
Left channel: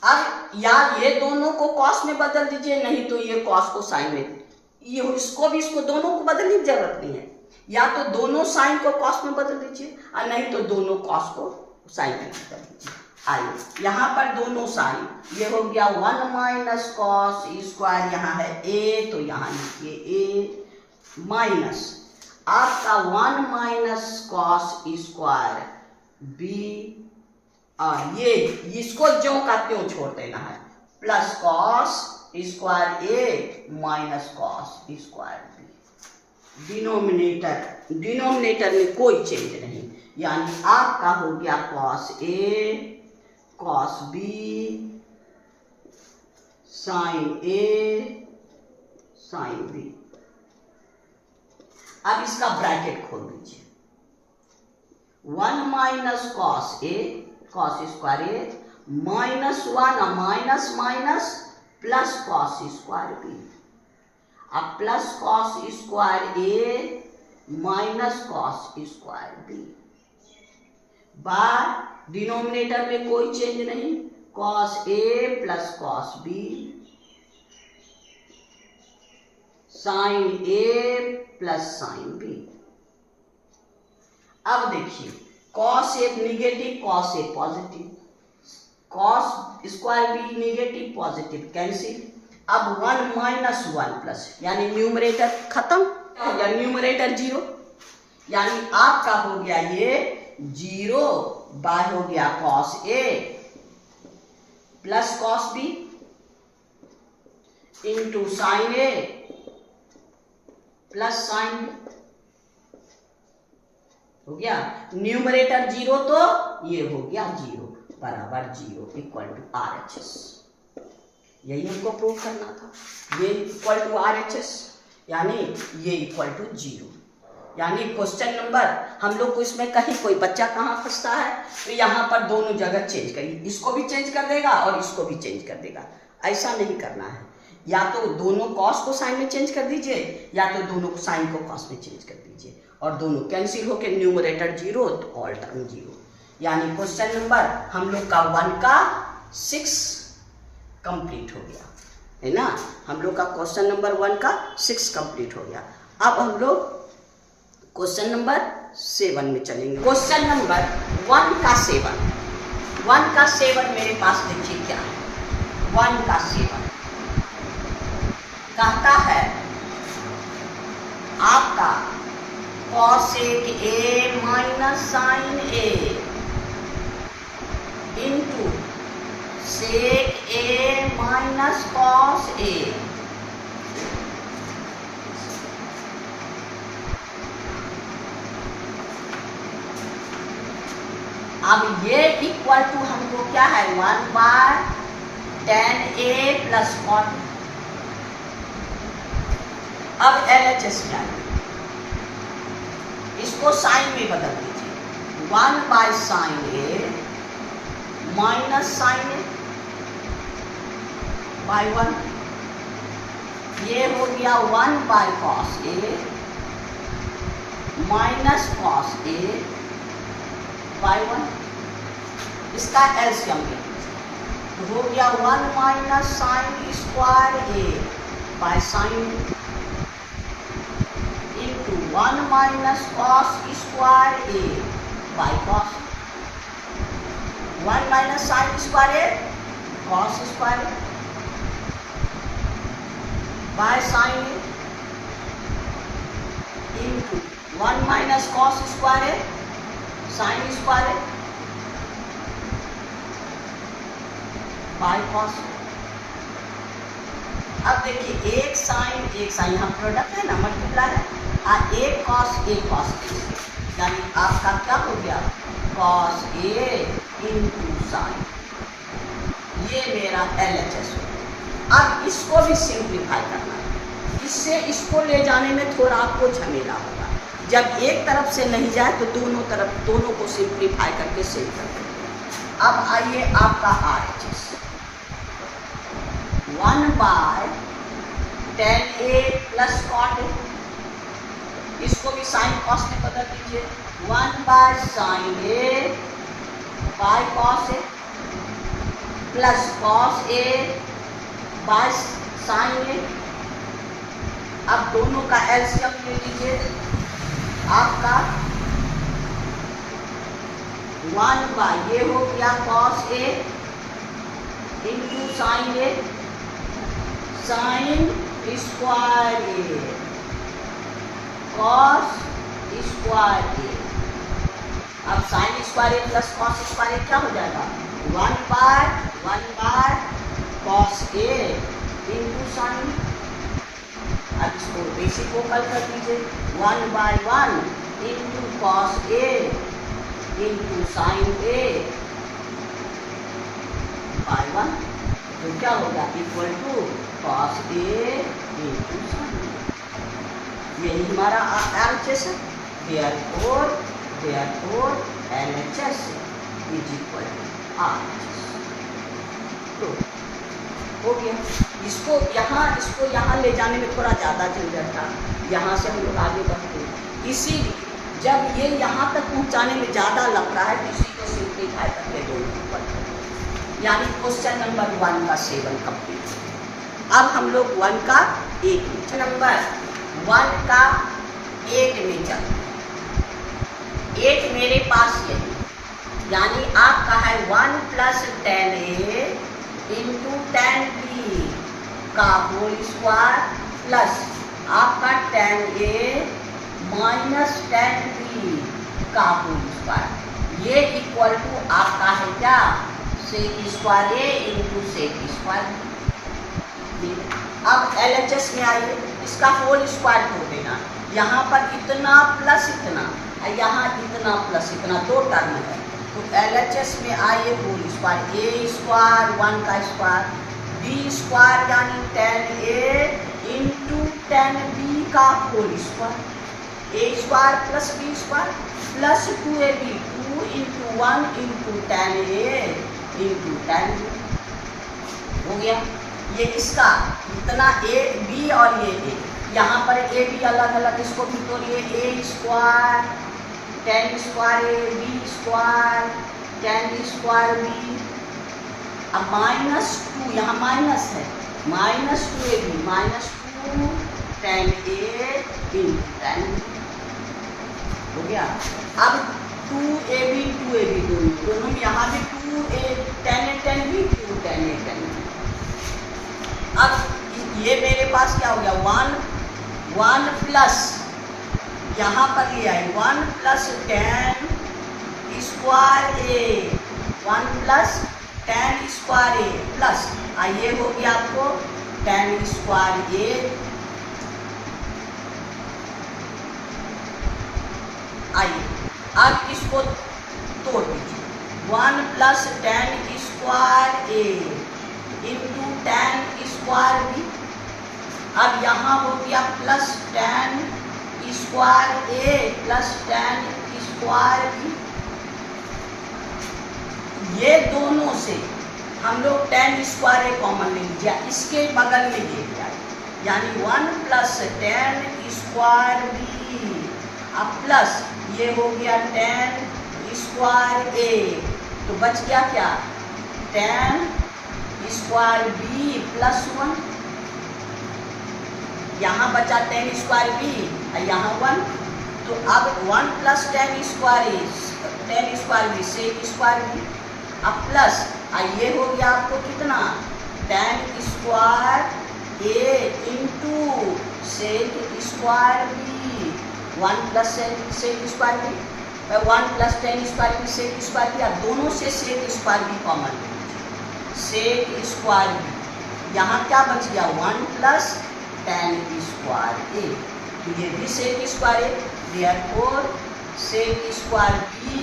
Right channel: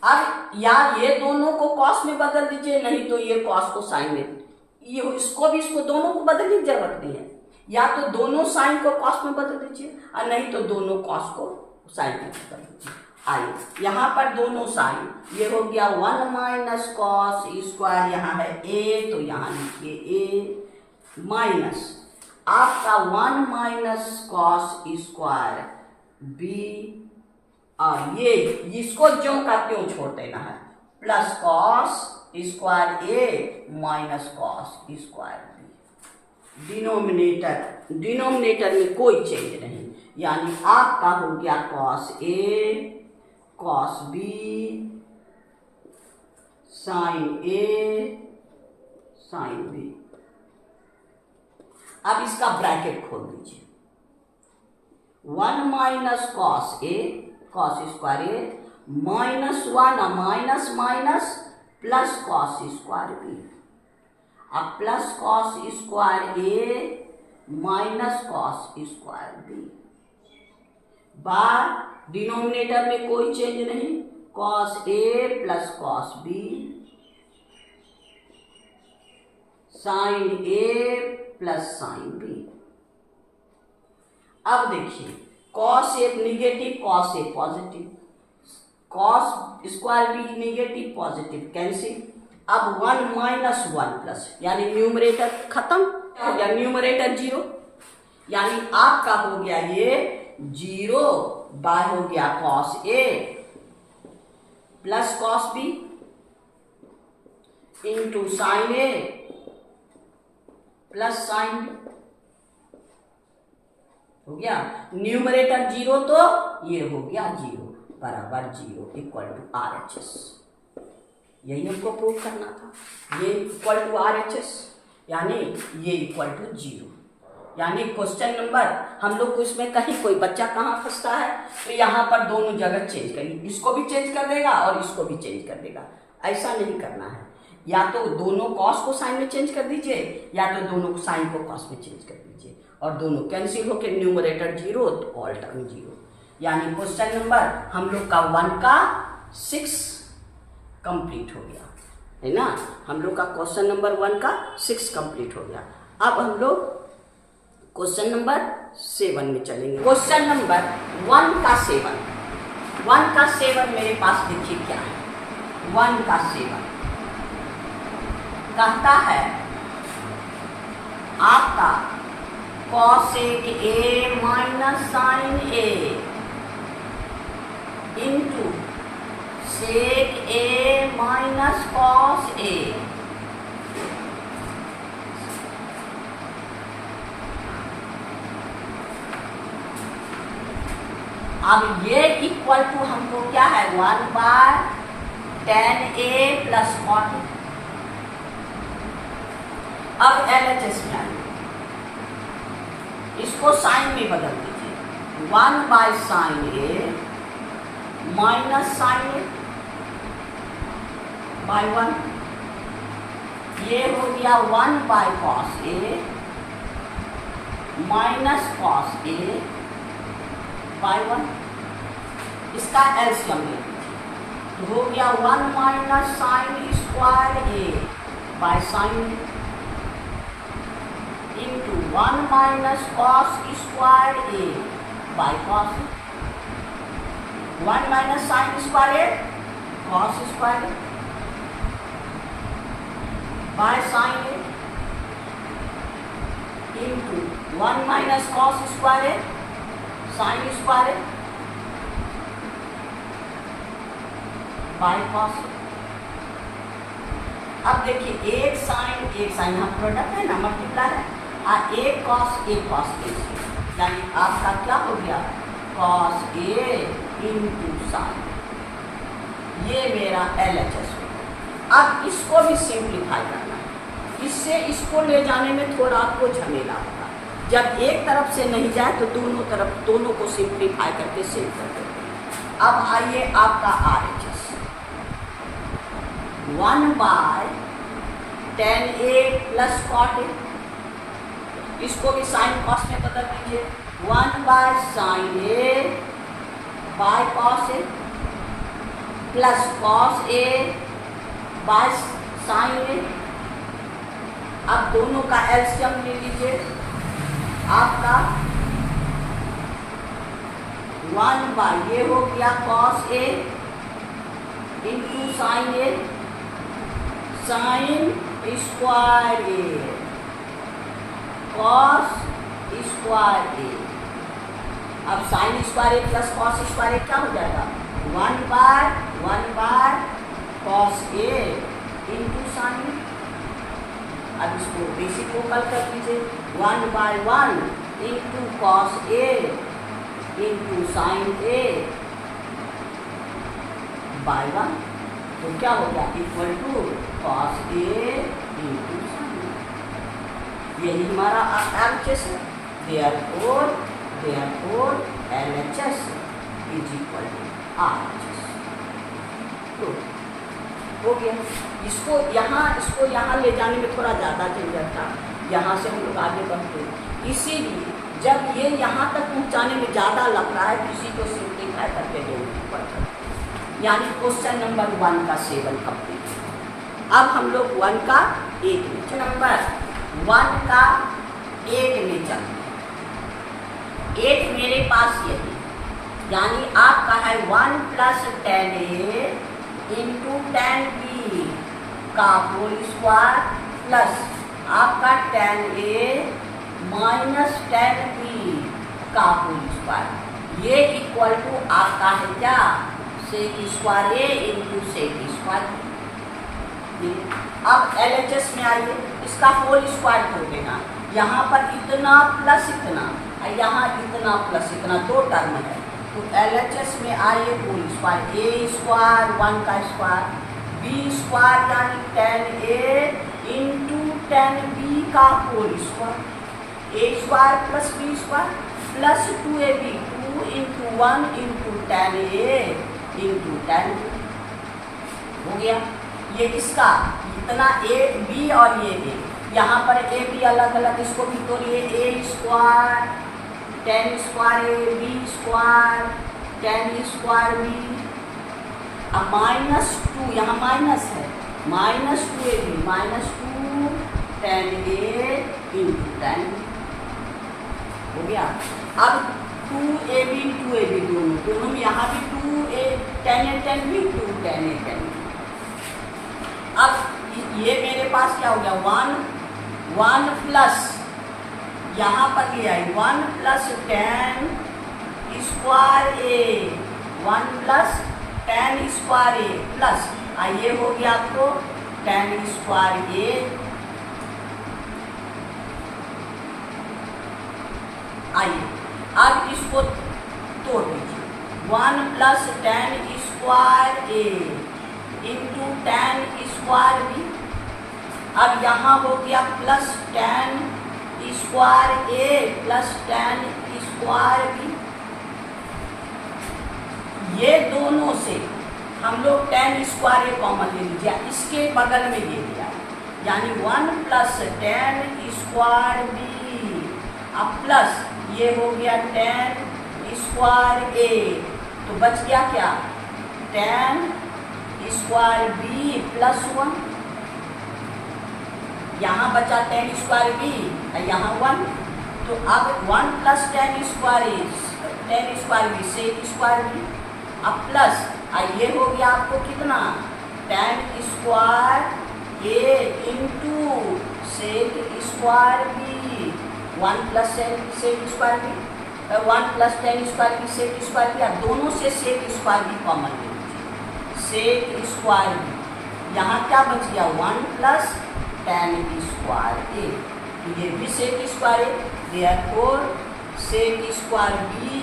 अब यार ये दोनों को कॉस में बदल दीजिए, नहीं तो ये कॉस को साइन में, ये इसको भी इसको दोनों को बदलने की जरूरत नहीं है, या तो दोनों साइन को कॉस में बदल दीजिए और नहीं तो दोनों कॉस को साइन में बदल दीजिए। आइए यहाँ पर दोनों साइन, ये हो गया 1 माइनस कॉस स्क्वायर, यहाँ है ए तो यहाँ लिखिए ए माइनस आपका 1 माइनस कॉस स्क्वायर बी, और ये इसको ज्यों का त्यों छोड़ देना है, plus cos square A minus cos square B. Denominator में कोई चेंज नहीं, यानी आपका हो गया cos A cos B sine A sine B. अब इसका ब्रैकेट खोल दीजिए, 1 minus cos A cos square A minus 1 minus minus plus cos square B, अब plus cos square A minus cos square B बार डिनोमिनेटर में कोई change नहीं, cos A plus cos B sine A plus sine B. अब देखिए cos A negative cos A positive, cos square B negative positive cancel. अब 1 minus 1 plus, यानी numerator खत्म हो गया, न्यूमरेटर 0, यानी आपका हो गया ये 0 बाय हो गया cos A plus cos B into sine A plus sine B हो गया। न्यूमरेटर 0 तो ये हो गया 0 बराबर 0 इक्वल टू RHS। यही हमको प्रूव करना था, ये इक्वल टू RHS यानी ये इक्वल टू 0। यानी क्वेश्चन नंबर हम लोग को इसमें कहीं कोई बच्चा कहाँ फंसता है तो यहाँ पर दोनों जगह चेंज करिए, इसको भी चेंज कर देगा और इसको भी चेंज कर देगा। ऐसा नहीं करना है, या तो दोनों कॉस को साइन में चेंज कर दीजिए या तो दोनों को साइन को कॉस में चेंज कर दीजिए, और दोनों कैंसिल होकर न्यूमरेटर 0 तो ऑल टर्म 0। यानी क्वेश्चन नंबर हम लोग का 1 का 6 कंप्लीट हो गया है ना। हम लोग का क्वेश्चन नंबर 1 का 6 कंप्लीट हो गया। अब हम लोग क्वेश्चन नंबर 7 में चलेंगे। क्वेश्चन नंबर 1 का 7, 1 का 7 मेरे पास देखिए क्या है। 1 का 7 कहता है आपका cosec A minus sine A into sec A minus cos A अब ये इक्वल टू हमको क्या है 1/10a प्लस कॉट। अब LHS में आइए, इसको साइन में बदल दीजिए 1/sin a minus sine a by 1। ये हो गया 1/cos a minus cos a by 1। इसका एलसीएम ले लीजिए, हो गया 1 minus sine square a by sine into 1 minus cos square a by cos. 1 minus sine square a cos square a by sine a into 1 minus cos square a sine square a by cos. अब देखिए एक sign यहाँ product है ना, multiply है, और एक cos A, यानी आपका क्या हो गया कॉस ए इंटू साइन। ये मेरा LHS हो गया। अब इसको भी सिंप्लीफाई करना है, इससे इसको ले जाने में थोड़ा आपको झमेला होगा। जब एक तरफ से नहीं जाए तो दोनों को सिंप्लीफाई करके सेव कर देते हैं। अब आइए आपका RHS 1/10a plus cot a, इसको भी साइन कॉस में बदल दीजिए 1/sin a by cos a plus cos a by sine a। अब दोनों का एलसीएम ले लीजिए, आपका 1 ये हो गया cos a into sine a sine square a cos square a। अब sign square a plus cos square a क्या हो जाएगा 1/1 कॉस a इंटू साइन। अब इसको रेसिप्रोकल कर दीजिए 1/1 into cos a into sine a by 1, तो क्या होगा equal to cos a into sine. यही हमारा RHS है। Therefore LHS is equal to RHS। तो हो गया। इसको यहाँ ले जाने में थोड़ा ज़्यादा झंझट था, यहाँ से हम लोग आगे बढ़ते हैं। इसीलिए जब ये यहाँ तक पहुँचाने में ज़्यादा लग रहा है तो इसी को सिंप्लीफाई करके दो, यानी क्वेश्चन नंबर 1 का 7 कंप्लीट। अब हम लोग 1 का 8 में नंबर 1 का 8 में चलते हैं। 8 मेरे पास यही, यानी आपका है 1 + 10a इंटू 10b का होल स्क्वायर प्लस आपका 10a माइनस 10b का होल स्क्वायर। ये इक्वल टू आपका है क्या sec square a into sec square. अब LHS में आइए, इसका होल स्क्वायर कर देना, यहाँ पर इतना प्लस इतना, यहाँ इतना प्लस इतना, 2 टर्म है। तो LHS में आइए होल स्क्वायर a स्क्वायर 1 का स्क्वायर b स्क्वायर यानी 10a इंटू 10b का whole square, a square plus b square plus 2ab 2 into 1 into 10a into 10b हो गया। ये इसका इतना a b और ये a, यहाँ पर a b अलग अलग, इसको भी तोड़िए a square 10 square a b square 10 square b। अब -2 यहाँ माइनस है, -2ab -2 10a इंटू 10 हो गया। अब 2ab दोनों यहाँ भी 2a 10a 10b 2 10a 10b। अब ये मेरे पास क्या हो गया 1 प्लस यहाँ पर ये है 1 + 10 square a 1 + 10 square a plus ये हो गया आपको 10 स्क्वायर a। आइए अब इसको तोड़ दीजिए, 1 plus tan square A into ten square B. अब यहाँ हो गया plus tan square A plus tan square B. ये दोनों से हम लोग टेन स्क्वायर ए कॉमन ले लीजिए, इसके बगल में ये दिया यानी 1 प्लस टेन स्क्वायर बी। अब प्लस ये हो गया टेन स्क्वायर ए, तो बच गया क्या, टेन स्क्वायर बी प्लस 1। यहाँ बचा टेन स्क्वायर बी और यहाँ 1, तो अब 1 plus tan square B sec square B. अब प्लस ये हो गया आपको कितना, tan square A into sec square B. 1 plus sec square B 1 plus tan square B sec square B. अब दोनों से sec square B common sec square B. यहाँ क्या बच गया, 1 प्लस टेन स्क्वायर ए, तो ये भी sec square A. Therefore sec square B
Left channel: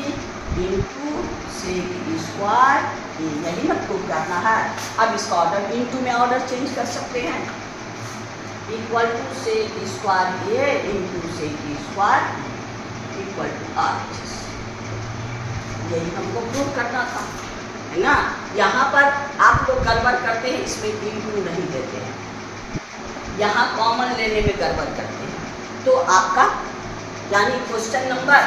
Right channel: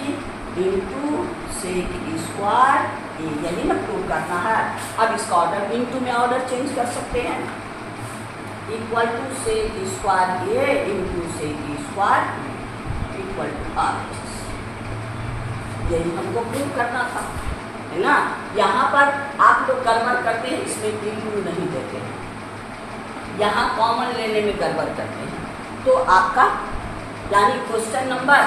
into sec square A, यही ना प्रूव करना है। अब इसका ऑर्डर इंटू में ऑर्डर चेंज कर सकते हैं, equal to sec square A into sec square equal to R. यही हमको प्रूव करना था, है ना। यहाँ पर आप लोग गड़बड़ करते हैं, इसमें इंटू नहीं देते हैं, यहाँ कॉमन लेने में गड़बड़ करते हैं। तो आपका यानी क्वेश्चन नंबर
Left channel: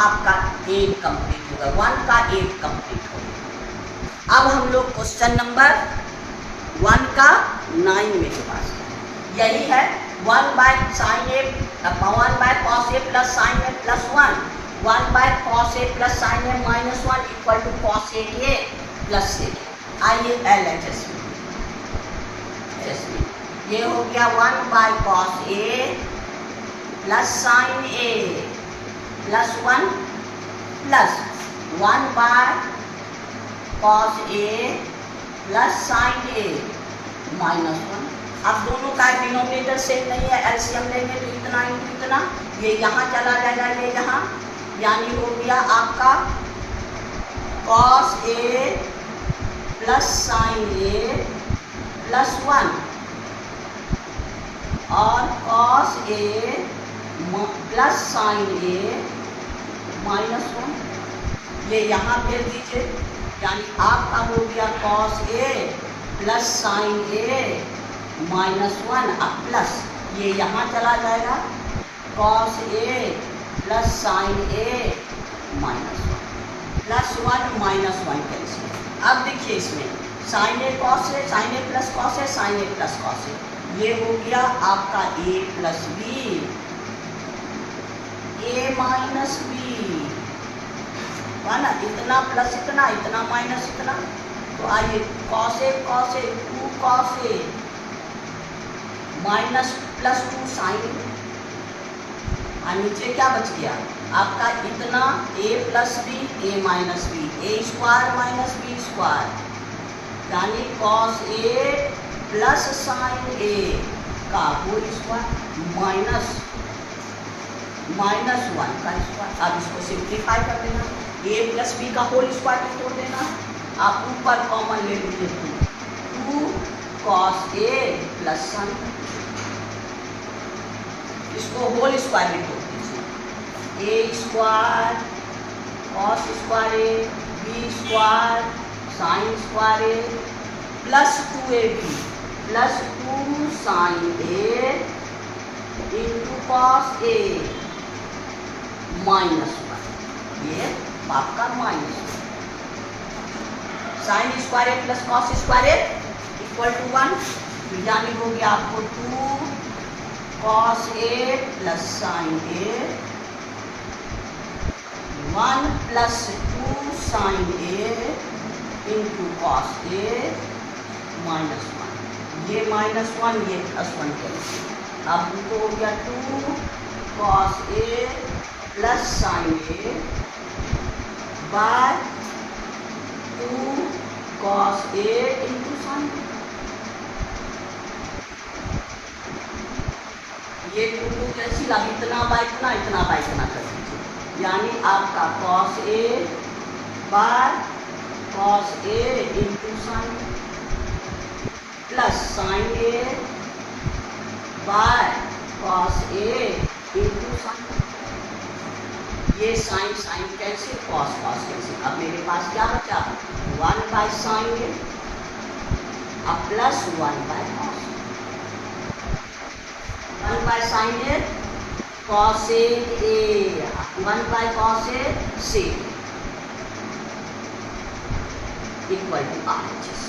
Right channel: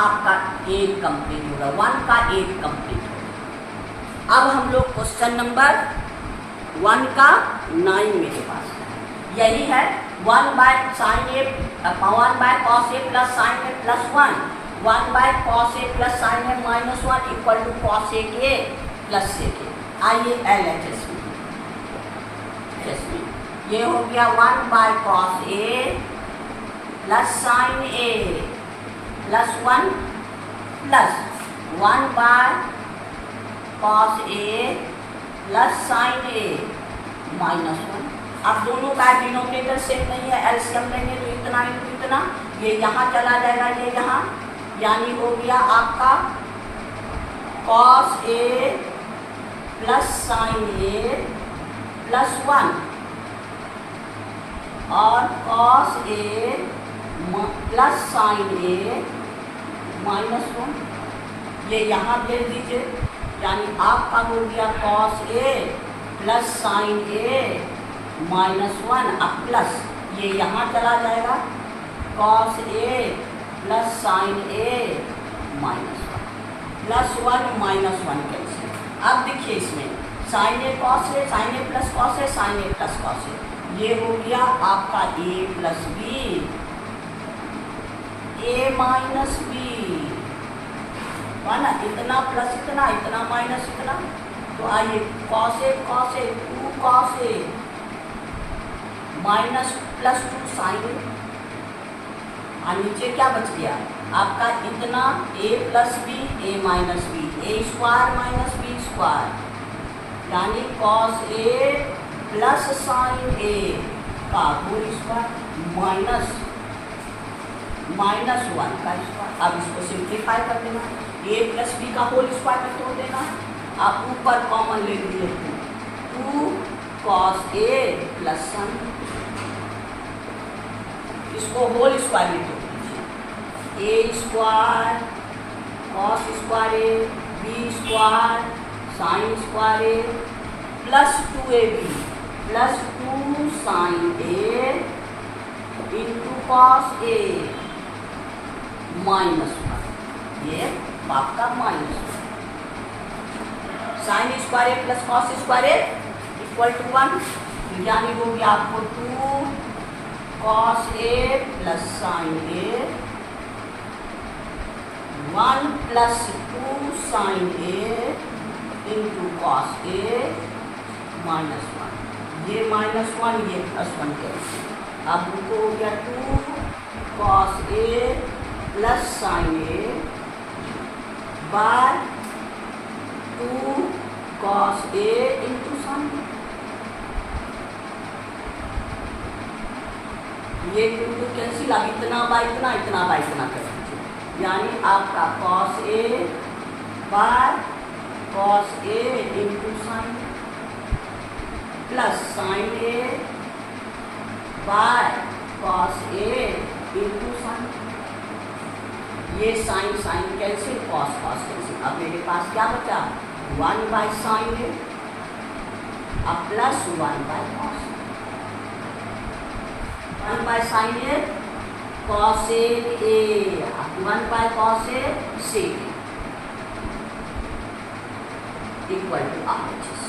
आपका 1 कंप्लीट होगा, 1 का 1 कंप्लीट होगा। अब हम लोग क्वेश्चन नंबर 1 का 9 मेरे पास यही है, 1 by sine A 1 by cos A plus sine A plus 1 1 by cos A plus sine A minus 1 equal to cos A plus A. आइए LHS में ये हो गया 1 by cos A plus sine A plus 1 plus 1 by cos A plus sine A minus 1। अब दोनों का denominator same नहीं है, एलसीएम लेंगे तो इतना इंटू इतना, ये यहाँ चला जाएगा, ये यहाँ, यानी हो गया आपका cos A plus sine A plus 1 और cos A plus sine A minus 1, ये यहाँ भेज दीजिए, यानी आपका हो गया cos A plus sine A minus 1। अब प्लस ये यहाँ चला जाएगा, cos A plus sine A minus 1 plus 1 minus 1 cancel. अब देखिए इसमें sign A cos A, sine A plus cos A, sine A plus cos A, ये हो गया आपका ए plus B, A minus B, है ना, इतना प्लस इतना, इतना माइनस इतना। तो आइए cos A 2 cos A minus plus 2 sign, और नीचे क्या बच गया आपका इतना ए plus B A minus B, A square minus B square, यानी कॉस ए प्लस साइन ए का होल स्क्वायर माइनस 1 का स्क्वायर। अब इसको सिंप्लीफाई कर देना, ए प्लस बी का होल स्क्वायर तोड़ देना, आप ऊपर कॉमन ले लीजिए 2 कॉस ए प्लस साइन, इसको होल स्क्वायर में तोड़ दीजिए, A square cos square A B square sine square A plus 2ab plus 2 sine A into cos A minus 1, ये आपका minus 1, sine square A plus cos square A equal to 1, यानी हो गया आपको 2 cos A plus sine A 1 plus 2 sine A into cos A minus 1, ये minus 1 ये plus 1 cancel. अब उनको हो गया 2 cos A plus sine A bye 2 cos A into sine A, ये 2 कैंसिल। अब इतना बाय इतना, इतना बाय इतना कर दीजिए, यानी आपका cos A by cos A into sin plus sin A by cos A into sin। ये sine sine cancel, cos cos cancel. अब मेरे पास क्या बचा, 1 बाय साइन ए अब plus 1 by cos. 1 by sine A cosec A, 1 by cos A sec equal to RHS।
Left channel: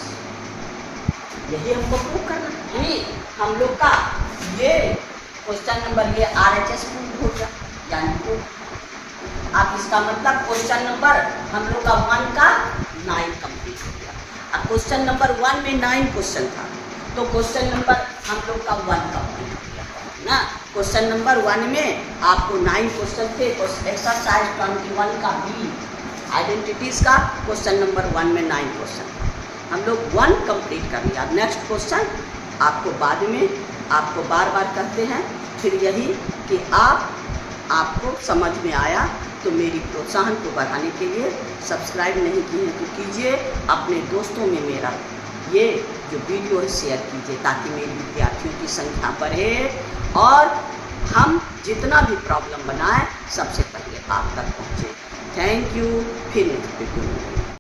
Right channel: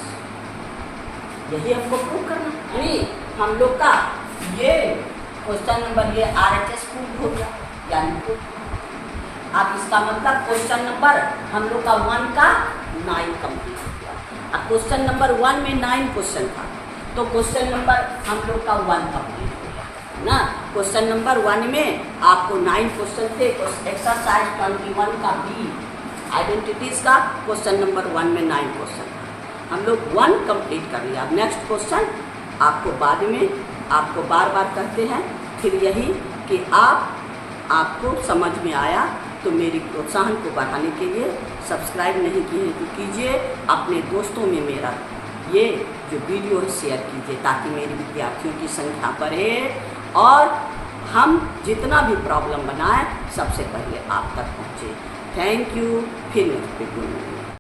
यही हमको prove करना है। यानी हम लोग का ये क्वेश्चन नंबर ये RHS प्रूव हो गया। यानी आप इसका मतलब क्वेश्चन नंबर हम लोग का 1 का 9 कंप्लीट हो गया। अब क्वेश्चन नंबर 1 में 9 क्वेश्चन था, तो क्वेश्चन नंबर हम लोग का 1 कंप्लीट हो गया ना। क्वेश्चन नंबर 1 में आपको 9 क्वेश्चन थे। एक्सरसाइज 21 का बी आइडेंटिटीज का क्वेश्चन नंबर 1 में 9 क्वेश्चन था, हम लोग 1 कंप्लीट कर लिया। नेक्स्ट क्वेश्चन आपको बाद में आपको बार बार करते हैं। फिर यही कि आपको समझ में आया तो मेरी प्रोत्साहन को बढ़ाने के लिए सब्सक्राइब नहीं किए हैं तो कीजिए, अपने दोस्तों में मेरा ये जो वीडियो है शेयर कीजिए ताकि मेरे विद्यार्थियों की संख्या बढ़े और हम जितना भी प्रॉब्लम बनाएं सबसे पहले आप तक पहुँचे। Thank you. फिर नेक्स्ट वीडियो में